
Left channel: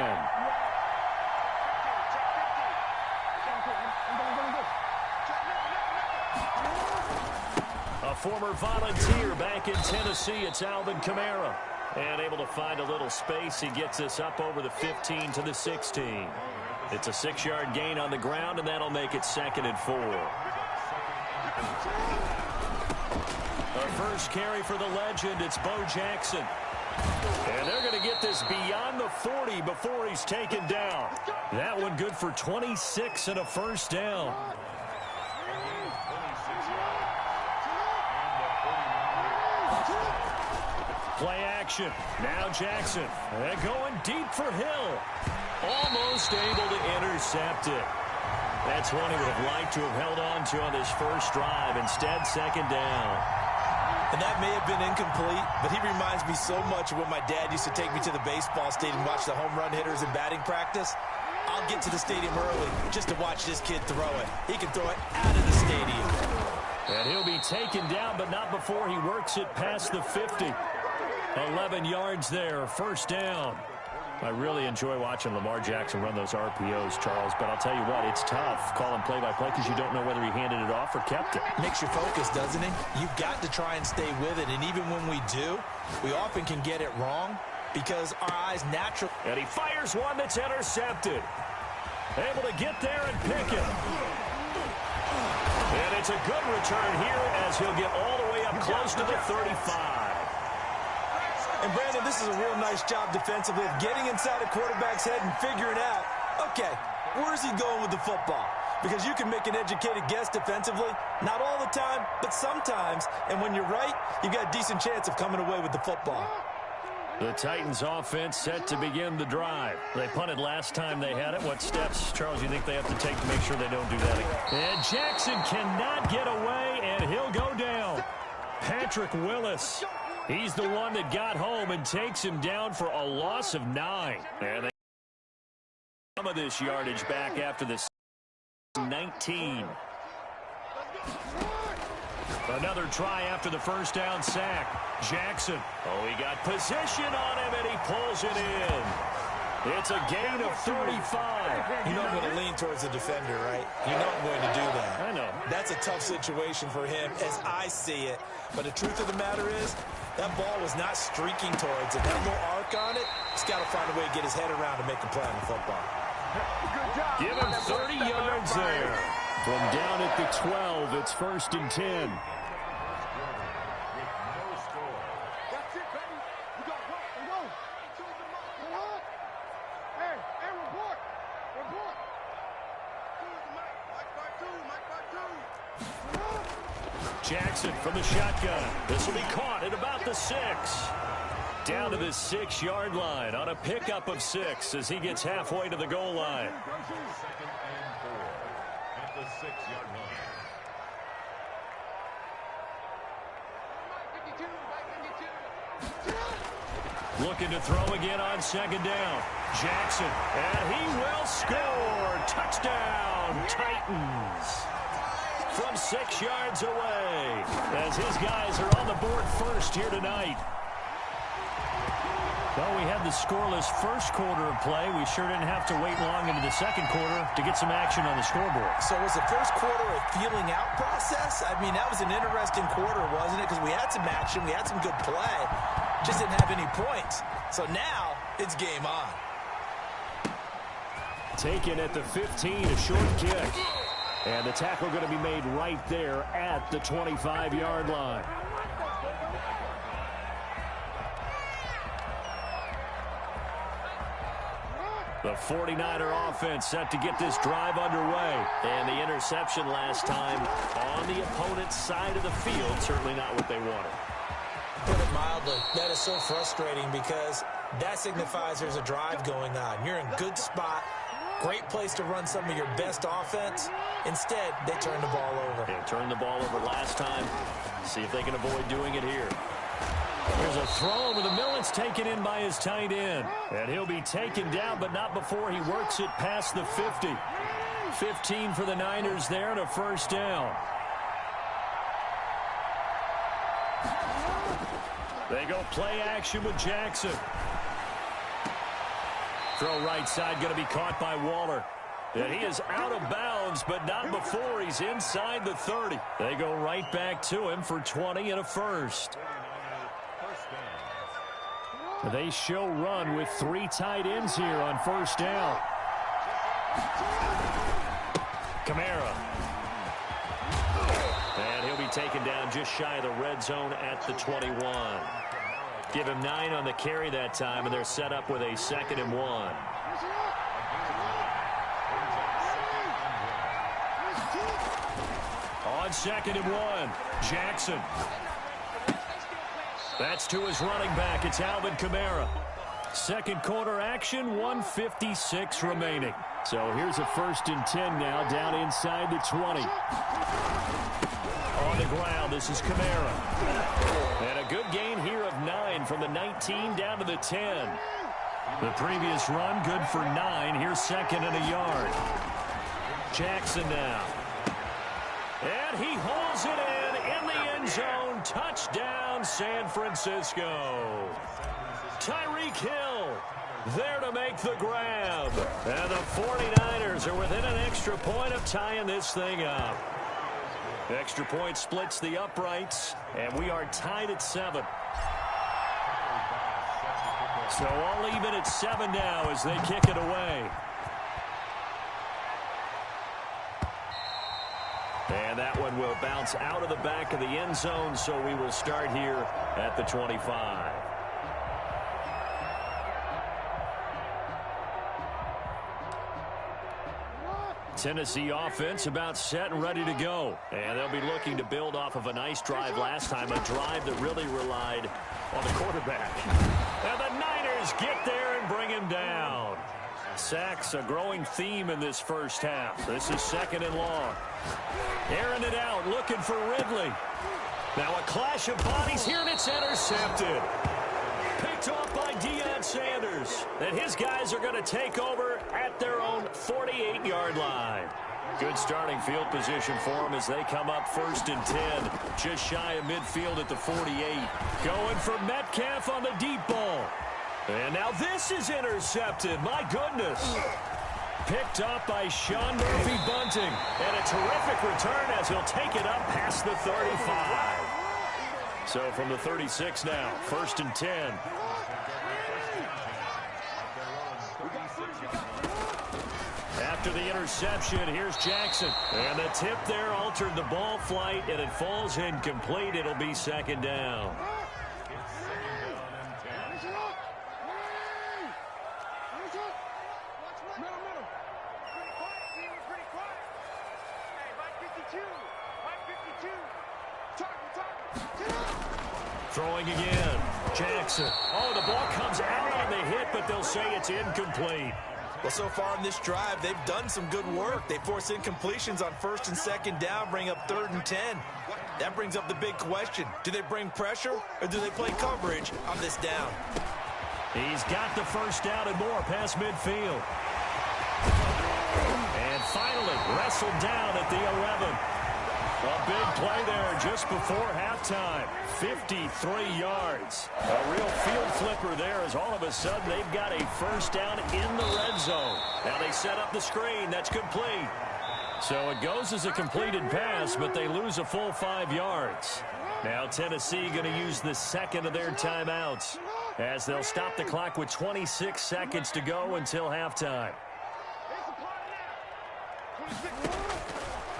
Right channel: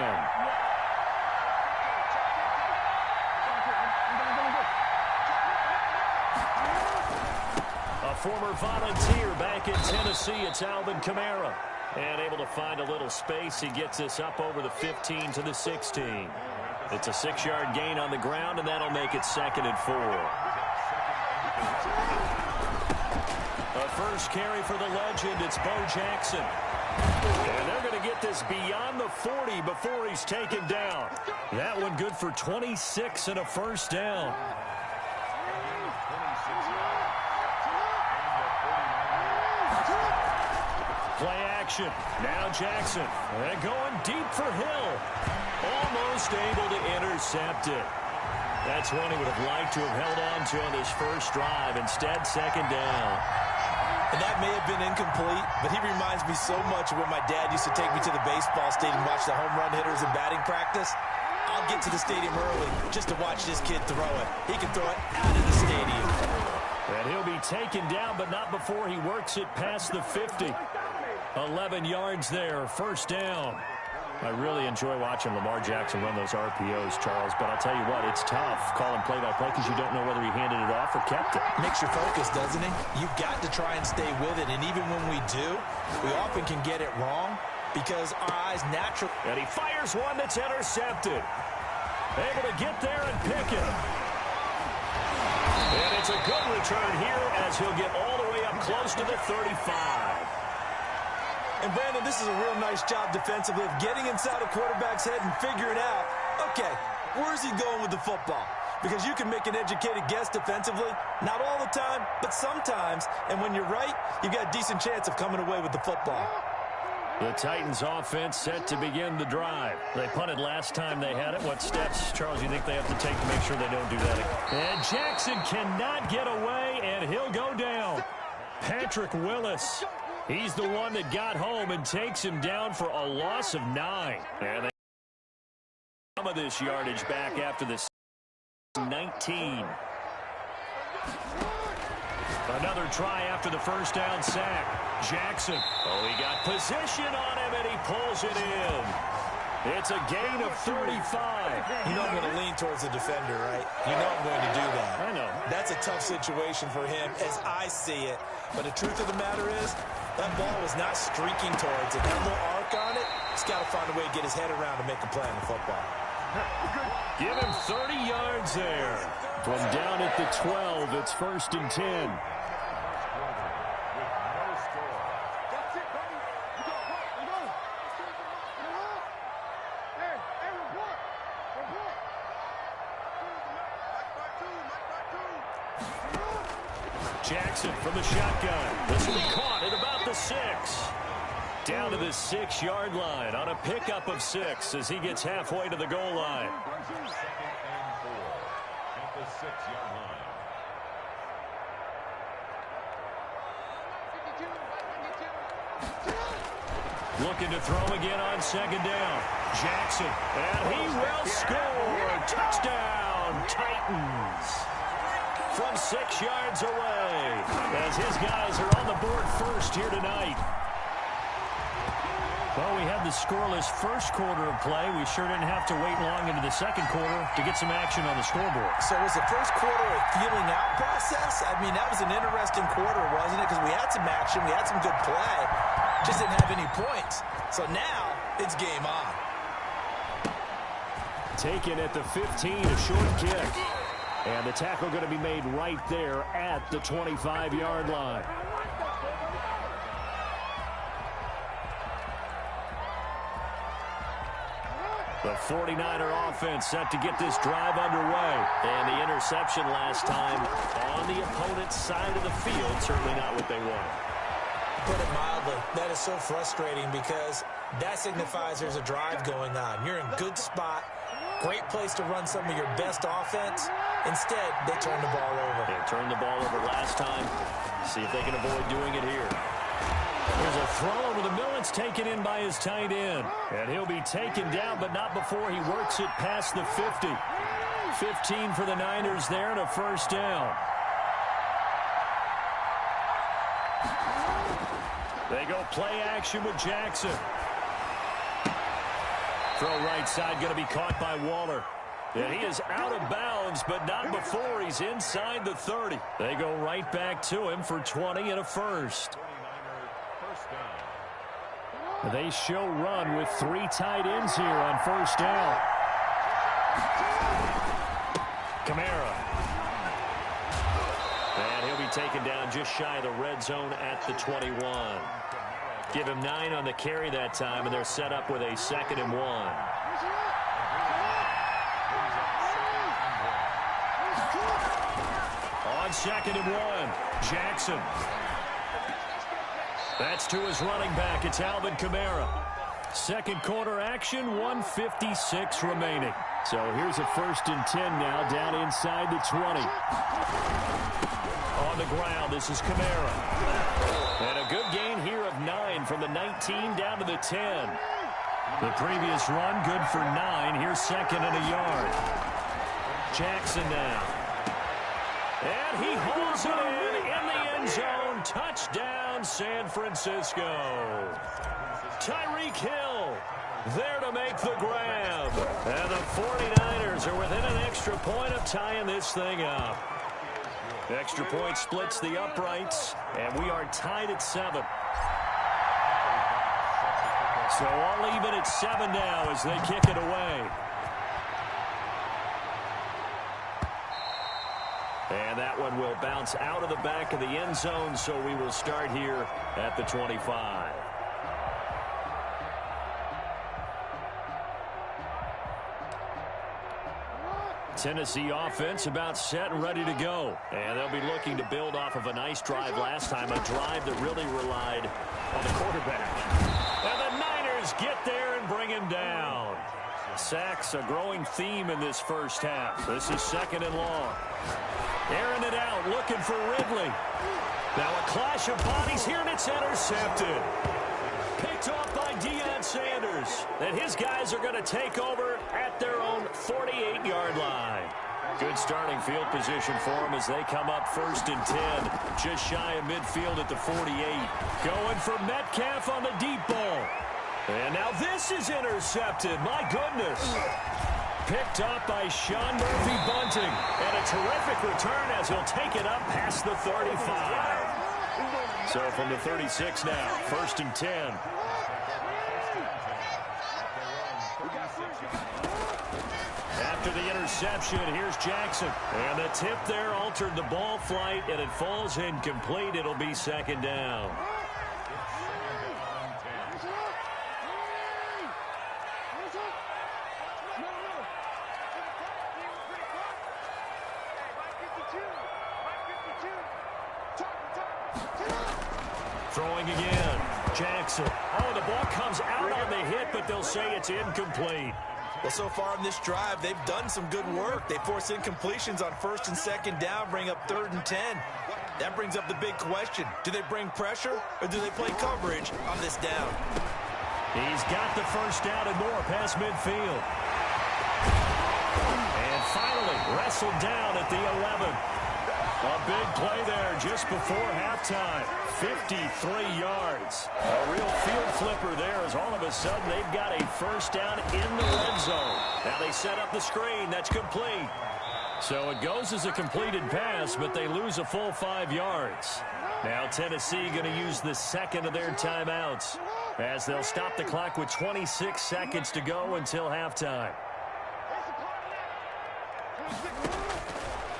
A former Volunteer back in Tennessee. It's Alvin Kamara. And able to find a little space. He gets this up over the 15 to the 16. It's a 6-yard gain on the ground, and that'll make it 2nd and 4. A first carry for the legend. It's Bo Jackson. And they're going to get this beyond the 40 before he's taken down. That one good for 26 and a 1st down. Play action. Now Jackson. And going deep for Hill. Almost able to intercept it. That's one he would have liked to have held on to on this first drive. Instead, 2nd down. And that may have been incomplete, but he reminds me so much of when my dad used to take me to the baseball stadium and watch the home run hitters in batting practice. I'll get to the stadium early just to watch this kid throw it. He can throw it out of the stadium. And he'll be taken down, but not before he works it past the 50. 11 yards there, 1st down. I really enjoy watching Lamar Jackson run those RPOs, Charles, but I'll tell you what, it's tough calling play-by-play because you don't know whether he handed it off or kept it. Makes you focus, doesn't it? You've got to try and stay with it, and even when we do, we often can get it wrong because our eyes naturally... And he fires one that's intercepted. Able to get there and pick it. And it's a good return here as he'll get all the way up close to the 35. And, Brandon, this is a real nice job defensively of getting inside a quarterback's head and figuring out, okay, where's he going with the football? Because you can make an educated guess defensively, not all the time, but sometimes. And when you're right, you've got a decent chance of coming away with the football. The Titans offense set to begin the drive. They punted last time they had it. What steps, Charles, you think they have to take to make sure they don't do that again? And Jackson cannot get away, and he'll go down. Patrick Willis. He's the one that got home and takes him down for a loss of 9. And they some of this yardage back after the 19. Another try after the first down sack. Jackson. Oh, he got position on him, and he pulls it in. It's a gain of 35. You know I'm going to lean towards the defender, right? You know I'm going to do that. I know. That's a tough situation for him as I see it. But the truth of the matter is, that ball was not streaking towards it. That little arc on it, he's got to find a way to get his head around to make a play on the football. Give him 30 yards there. From down at the 12, it's 1st and 10. Jackson from the shotgun. This will be caught at about the 6. Down to the 6-yard line on a pickup of 6 as he gets halfway to the goal line. 2nd and 4 at the 6-yard line. Looking to throw again on 2nd down. Jackson, and he will score. Touchdown, Titans. From 6 yards away, as his guys are on the board first here tonight. Well, we had the scoreless first quarter of play. We sure didn't have to wait long into the second quarter to get some action on the scoreboard. So was the first quarter a feeling out process? I mean, that was an interesting quarter, wasn't it? Because we had some action, we had some good play, just didn't have any points. So now it's game on. Taken at the 15, a short kick. And the tackle going to be made right there at the 25-yard line. The 49er offense set to get this drive underway. And the interception last time on the opponent's side of the field, certainly not what they wanted. Put it mildly, that is so frustrating because that signifies there's a drive going on. You're in a good spot, great place to run some of your best offense. Instead, they turn the ball over. They turned the ball over last time. See if they can avoid doing it here. Here's a throw over the middle. It's taken in by his tight end. And he'll be taken down, but not before he works it past the 50. 15 for the Niners there and a first down. They go play action with Jackson. Throw right side going to be caught by Waller. And he is out of bounds, but not before he's inside the 30. They go right back to him for 20 and a first. They show run with 3 tight ends here on first down. Kamara. And he'll be taken down just shy of the red zone at the 21. Give him 9 on the carry that time, and they're set up with a 2nd and 1. On 2nd and 1, Jackson. That's to his running back. It's Alvin Kamara. Second quarter action, 1:56 remaining. So here's a 1st and 10 now, down inside the 20. On the ground, this is Kamara. And a good gain here of 9 from the 19 down to the 10. The previous run, good for 9. Here's 2nd and a yard. Jackson now. And he hauls it in the end zone. Touchdown, San Francisco. Tyreek Hill there to make the grab. And the 49ers are within an extra point of tying this thing up. Extra point splits the uprights, and we are tied at 7. So all even at 7 now as they kick it away. And that one will bounce out of the back of the end zone, so we will start here at the 25. Tennessee offense about set and ready to go. And they'll be looking to build off of a nice drive last time, a drive that really relied on the quarterback. And the Niners get there and bring him down. Sacks, a growing theme in this first half. This is 2nd and long. Airing it out, looking for Ridley. Now a clash of bodies here, and it's intercepted. Picked off by Deion Sanders. And his guys are going to take over at their own 48-yard line. Good starting field position for them as they come up 1st and 10. Just shy of midfield at the 48. Going for Metcalf on the deep ball. And now this is intercepted. My goodness. Picked up by Sean Murphy-Bunting. And a terrific return as he'll take it up past the 35. So from the 36 now, 1st and 10. After the interception, here's Jackson. And the tip there altered the ball flight, and it falls incomplete. It'll be 2nd down. Throwing again. Jackson. Oh, the ball comes out on the hit, but they'll say it's incomplete. Well, so far in this drive, they've done some good work. They force incompletions on 1st and 2nd down, bring up 3rd and 10. That brings up the big question. Do they bring pressure, or do they play coverage on this down? He's got the first down and more past midfield. And finally, wrestled down at the 11. A big play there just before halftime. 53 yards. A real field flipper there as all of a sudden they've got a first down in the red zone. Now they set up the screen. That's complete. So it goes as a completed pass, but they lose a full 5 yards. Now Tennessee going to use the second of their timeouts as they'll stop the clock with 26 seconds to go until halftime.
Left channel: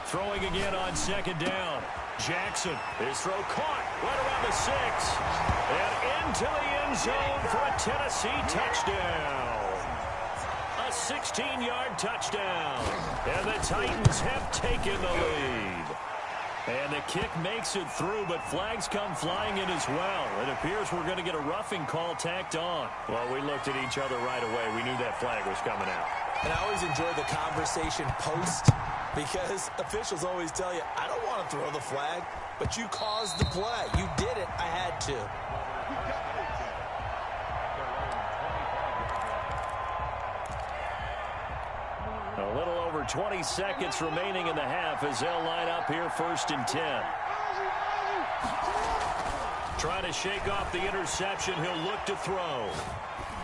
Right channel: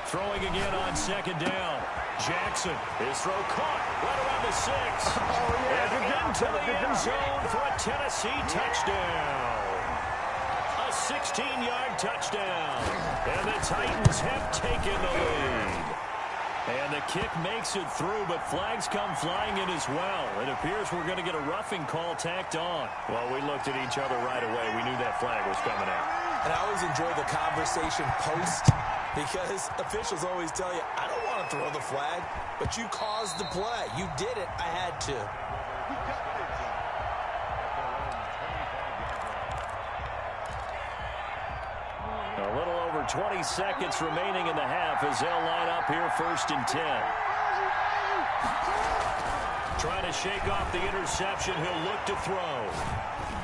Throwing again on 2nd down. Jackson. His throw caught right around the 6. And into the end zone for a Tennessee touchdown. A 16-yard touchdown. And the Titans have taken the lead. And the kick makes it through, but flags come flying in as well. It appears we're going to get a roughing call tacked on. Well, we looked at each other right away. We knew that flag was coming out. And I always enjoy the conversation post, because officials always tell you, I don't want to throw the flag, but you caused the play. You did it. I had to. A little over 20 seconds remaining in the half as they'll line up here 1st and 10. Trying to shake off the interception. He'll look to throw.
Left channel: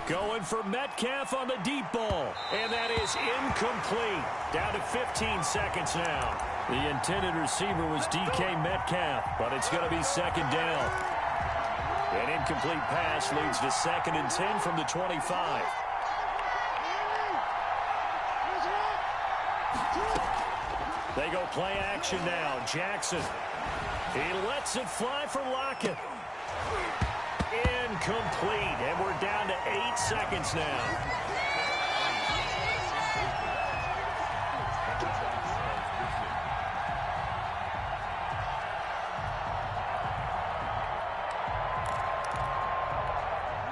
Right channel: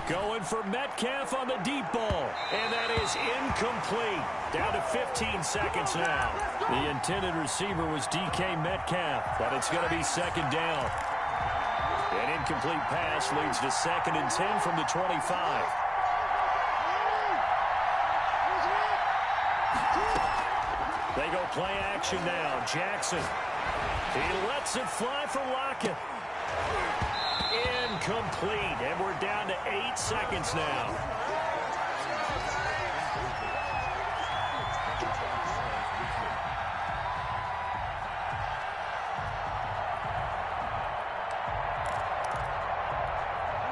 Going for Metcalf on the deep ball. And that is incomplete. Down to 15 seconds now. The intended receiver was DK Metcalf, but it's going to be 2nd down. An incomplete pass leads to 2nd and 10 from the 25. They go play action now. Jackson. He lets it fly for Lockett. Incomplete, and we're down to 8 seconds now.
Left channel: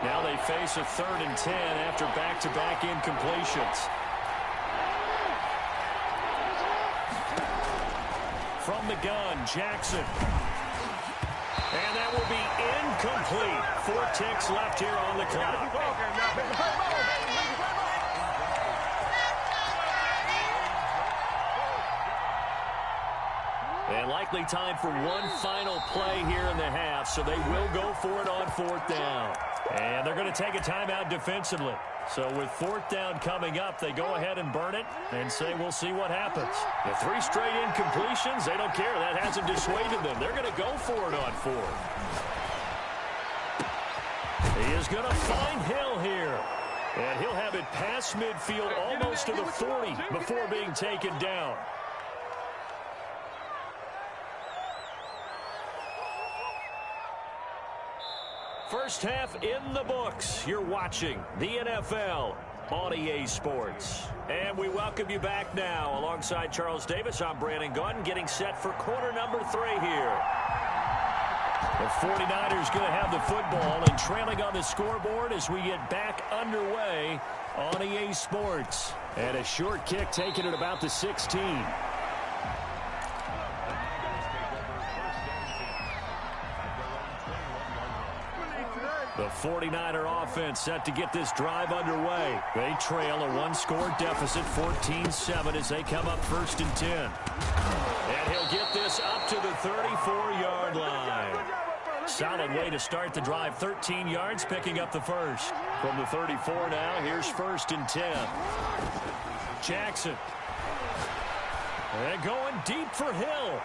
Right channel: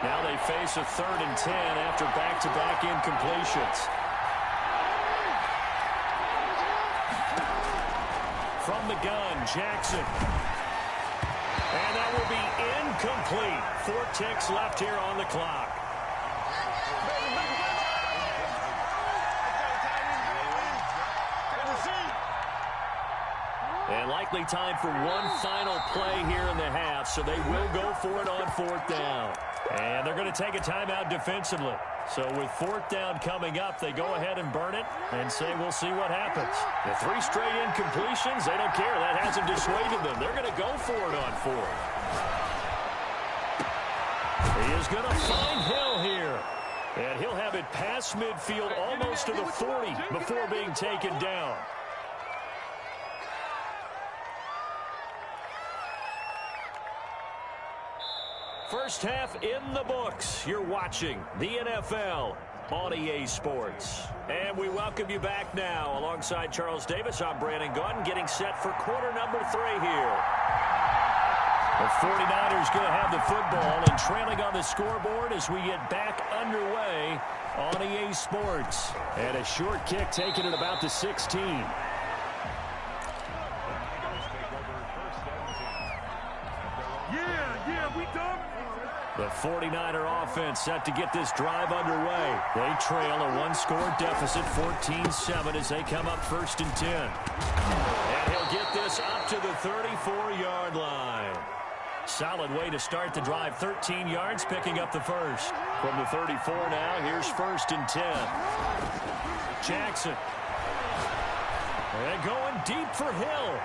Now they face a 3rd and 10 after back-to-back incompletions. From the gun, Jackson. And that will be incomplete. 4 ticks left here on the clock. And likely time for one final play here in the half, so they will go for it on 4th down. And they're going to take a timeout defensively. So with 4th down coming up, they go ahead and burn it and say we'll see what happens. The 3 straight incompletions, they don't care. That hasn't dissuaded them. They're going to go for it on 4th. He is going to find Hill here. And he'll have it past midfield almost to the 40 before being taken down. First half in the books. You're watching the NFL on EA Sports. And we welcome you back now. Alongside Charles Davis, I'm Brandon Gaudin, getting set for quarter number 3 here. The 49ers going to have the football and trailing on the scoreboard as we get back underway on EA Sports. And a short kick taken at about the 16. The 49er offense set to get this drive underway. They trail a 1-score deficit, 14-7, as they come up 1st and 10. And he'll get this up to the 34-yard line. Solid way to start the drive, 13 yards, picking up the first. From the 34 now, here's 1st and 10. Jackson. And going deep for Hill.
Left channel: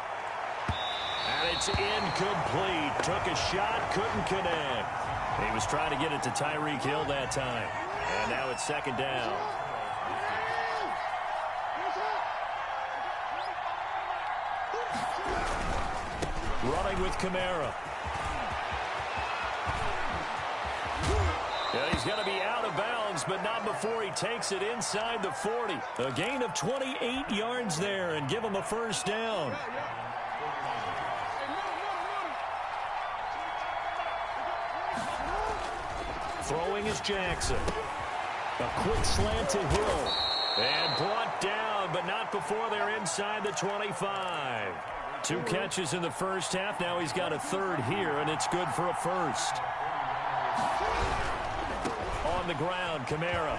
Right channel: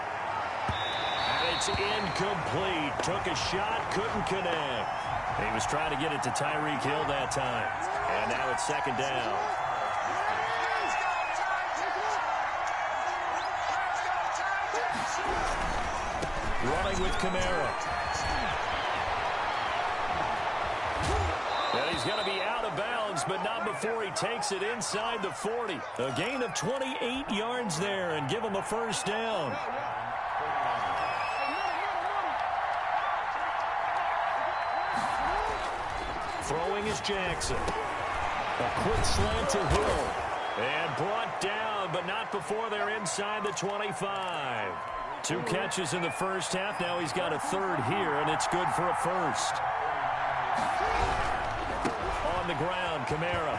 And it's incomplete. Took a shot, couldn't connect. He was trying to get it to Tyreek Hill that time. And now it's 2nd down. Running with Kamara. And he's going to be out of bounds, but not before he takes it inside the 40. A gain of 28 yards there and give him a 1st down. Throwing is Jackson. A quick slant to Hill. And brought down, but not before they're inside the 25. 2 catches in the first half. Now he's got a third here, and it's good for a first. On the ground, Kamara.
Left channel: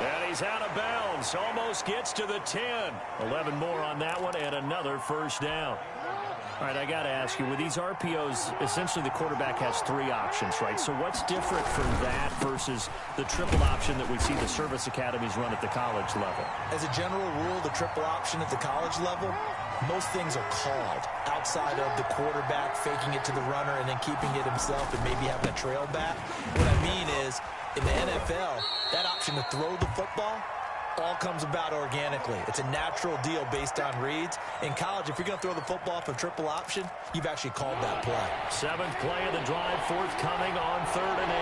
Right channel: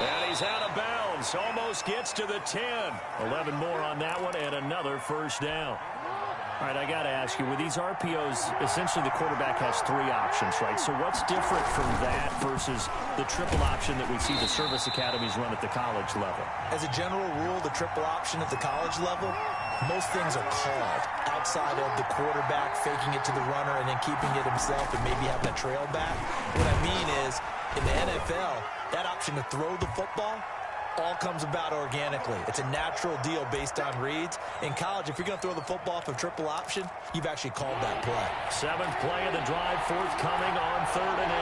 And he's out of bounds. Almost gets to the 10. 11 more on that one, and another first down. All right, I got to ask you, with these RPOs, essentially the quarterback has 3 options, right? So what's different from that versus the triple option that we see the service academies run at the college level? As a general rule, the triple option at the college level, most things are called outside of the quarterback faking it to the runner and then keeping it himself and maybe having a trail back. What I mean is, in the NFL, that option to throw the football all comes about organically. It's a natural deal based on reads. In college, if you're going to throw the football for triple option, you've actually called that play. 7th play of the drive, forthcoming on 3rd and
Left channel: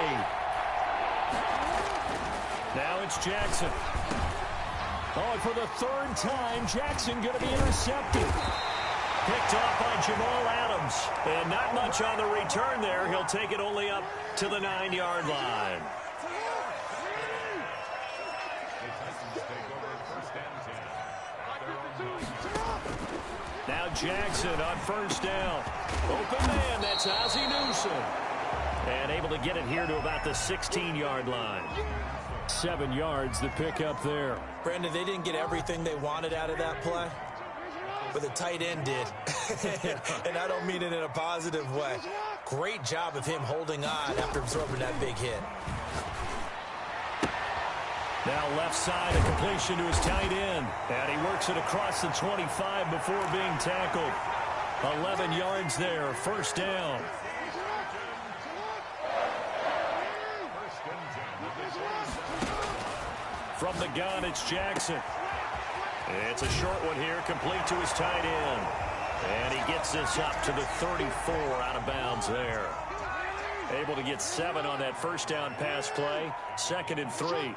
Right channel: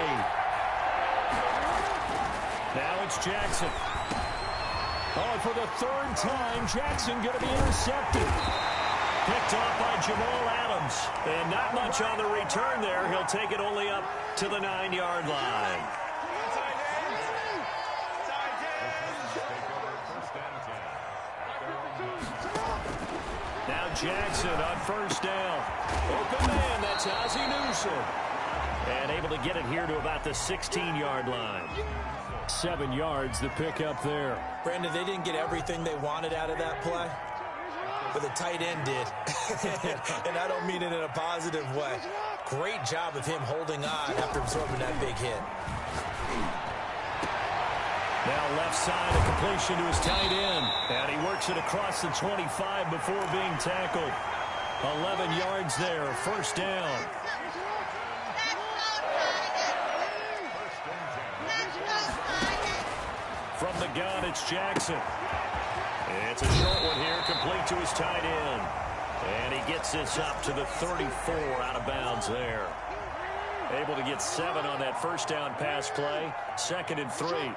8. Now it's Jackson. Oh, and for the 3rd time, Jackson going to be intercepted. Picked off by Jamal Adams. And not much on the return there. He'll take it only up to the 9-yard line. Now Jackson on 1st down. Open man, that's Ozzie Newsome. And able to get it here to about the 16-yard line. 7 yards, the pick up there. Brandon, they didn't get everything they wanted out of that play, but the tight end did. And I don't mean it in a positive way. Great job of him holding on after absorbing that big hit. Now left side, a completion to his tight end. And he works it across the 25 before being tackled. 11 yards there, 1st down. From the gun, it's Jackson. It's a short one here, complete to his tight end. And he gets this up to the 34 out of bounds there. Able to get 7 on that 1st down pass play. 2nd and 3.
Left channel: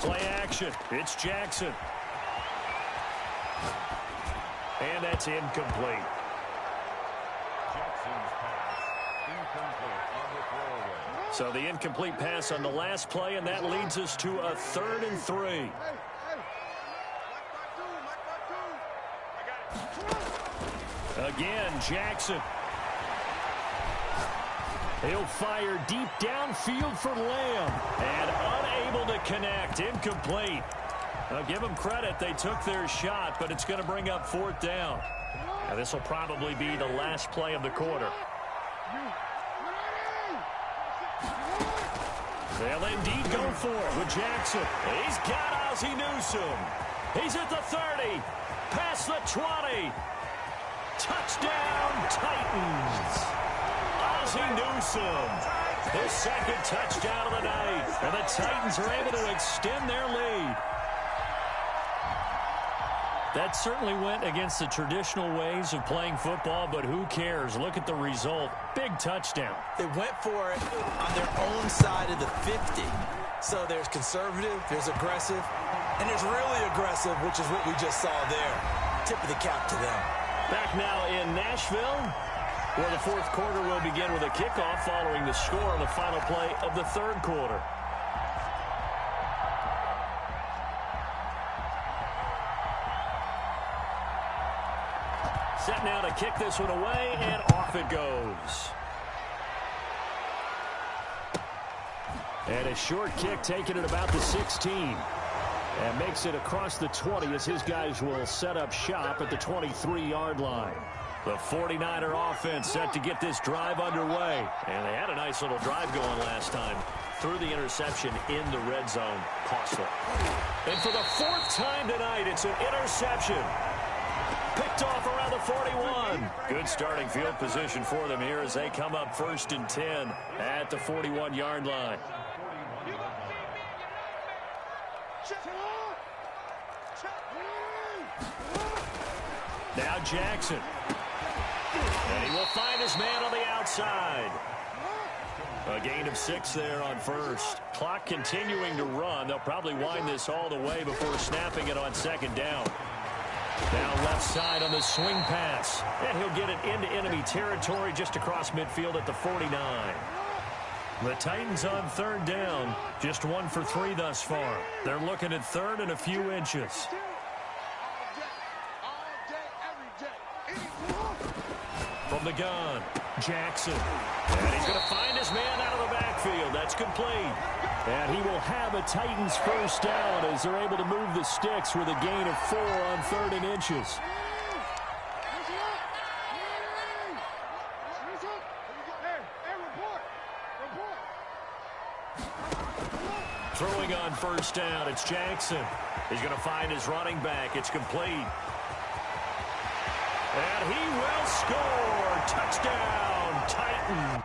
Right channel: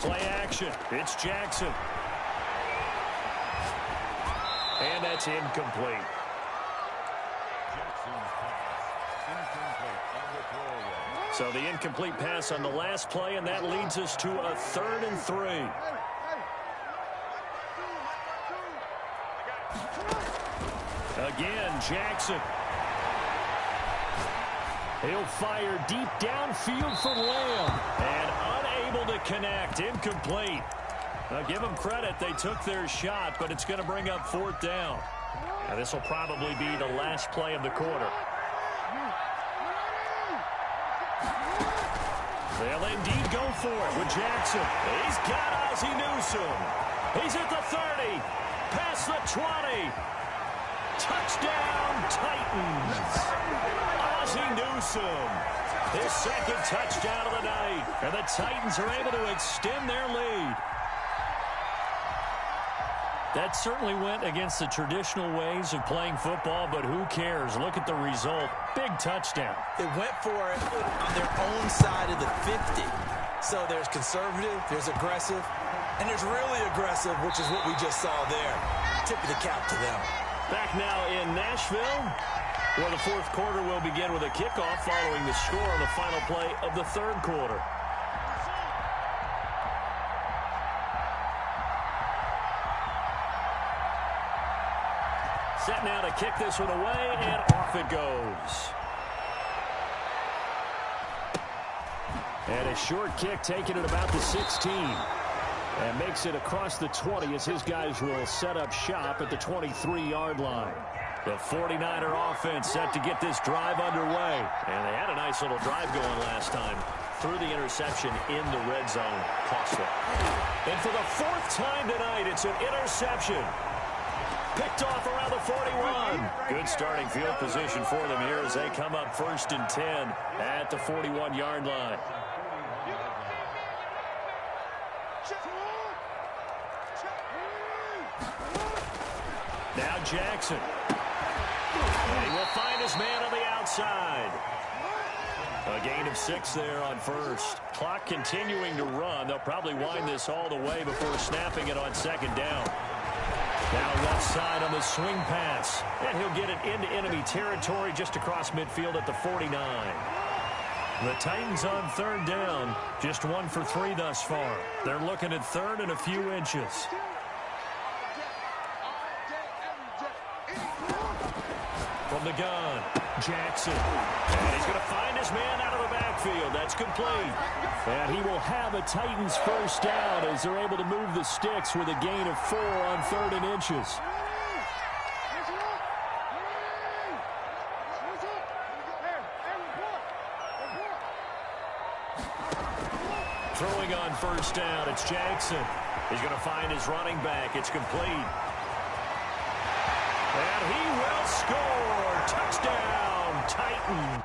Play action. It's Jackson. And that's incomplete. Jackson's pass incomplete on the throwaway. So the incomplete pass on the last play, and that leads us to a 3rd and 3. Again, Jackson. He'll fire deep downfield for Lamb. And unable to connect. Incomplete. Now give them credit. They took their shot, but it's going to bring up 4th down. Now this will probably be the last play of the quarter. They'll indeed go for it with Jackson. He's got Ozzie Newsome. He's at the 30. Past the 20. Touchdown, Titans. Ozzie Newsome. His 2nd touchdown of the night. And the Titans are able to extend their lead. That certainly went against the traditional ways of playing football, but who cares? Look at the result. Big touchdown. They went for it on their own side of the 50. So there's conservative, there's aggressive, and there's really aggressive, which is what we just saw there. Tip of the cap to them. Back now in Nashville, where the 4th quarter will begin with a kickoff following the score on the final play of the 3rd quarter. Set now to kick this one away, and off it goes. And a short kick taken at about the 16. And makes it across the 20 as his guys will set up shop at the 23-yard line. The 49er offense set to get this drive underway. And they had a nice little drive going last time. Through the interception in the red zone. Costly. And for the 4th time tonight, it's an interception. Picked off around the 41. Good starting field position for them here as they come up 1st and 10 at the 41-yard line. Now Jackson. And he will find his man on the outside. A gain of 6 there on 1st. Clock continuing to run. They'll probably wind this all the way before snapping it on 2nd down. Now left side on the swing pass. And he'll get it into enemy territory just across midfield at the 49. The Titans on third down. Just 1 for 3 thus far. They're looking at third and a few inches. From the gun, Jackson. And he's going to find his man out of the backfield. That's complete. And he will have a Titans first down as they're able to move the sticks with a gain of 4 on 3rd and inches. Throwing on first down, it's Jackson. He's going to find his running back. It's complete. And he will score. Touchdown, Titans.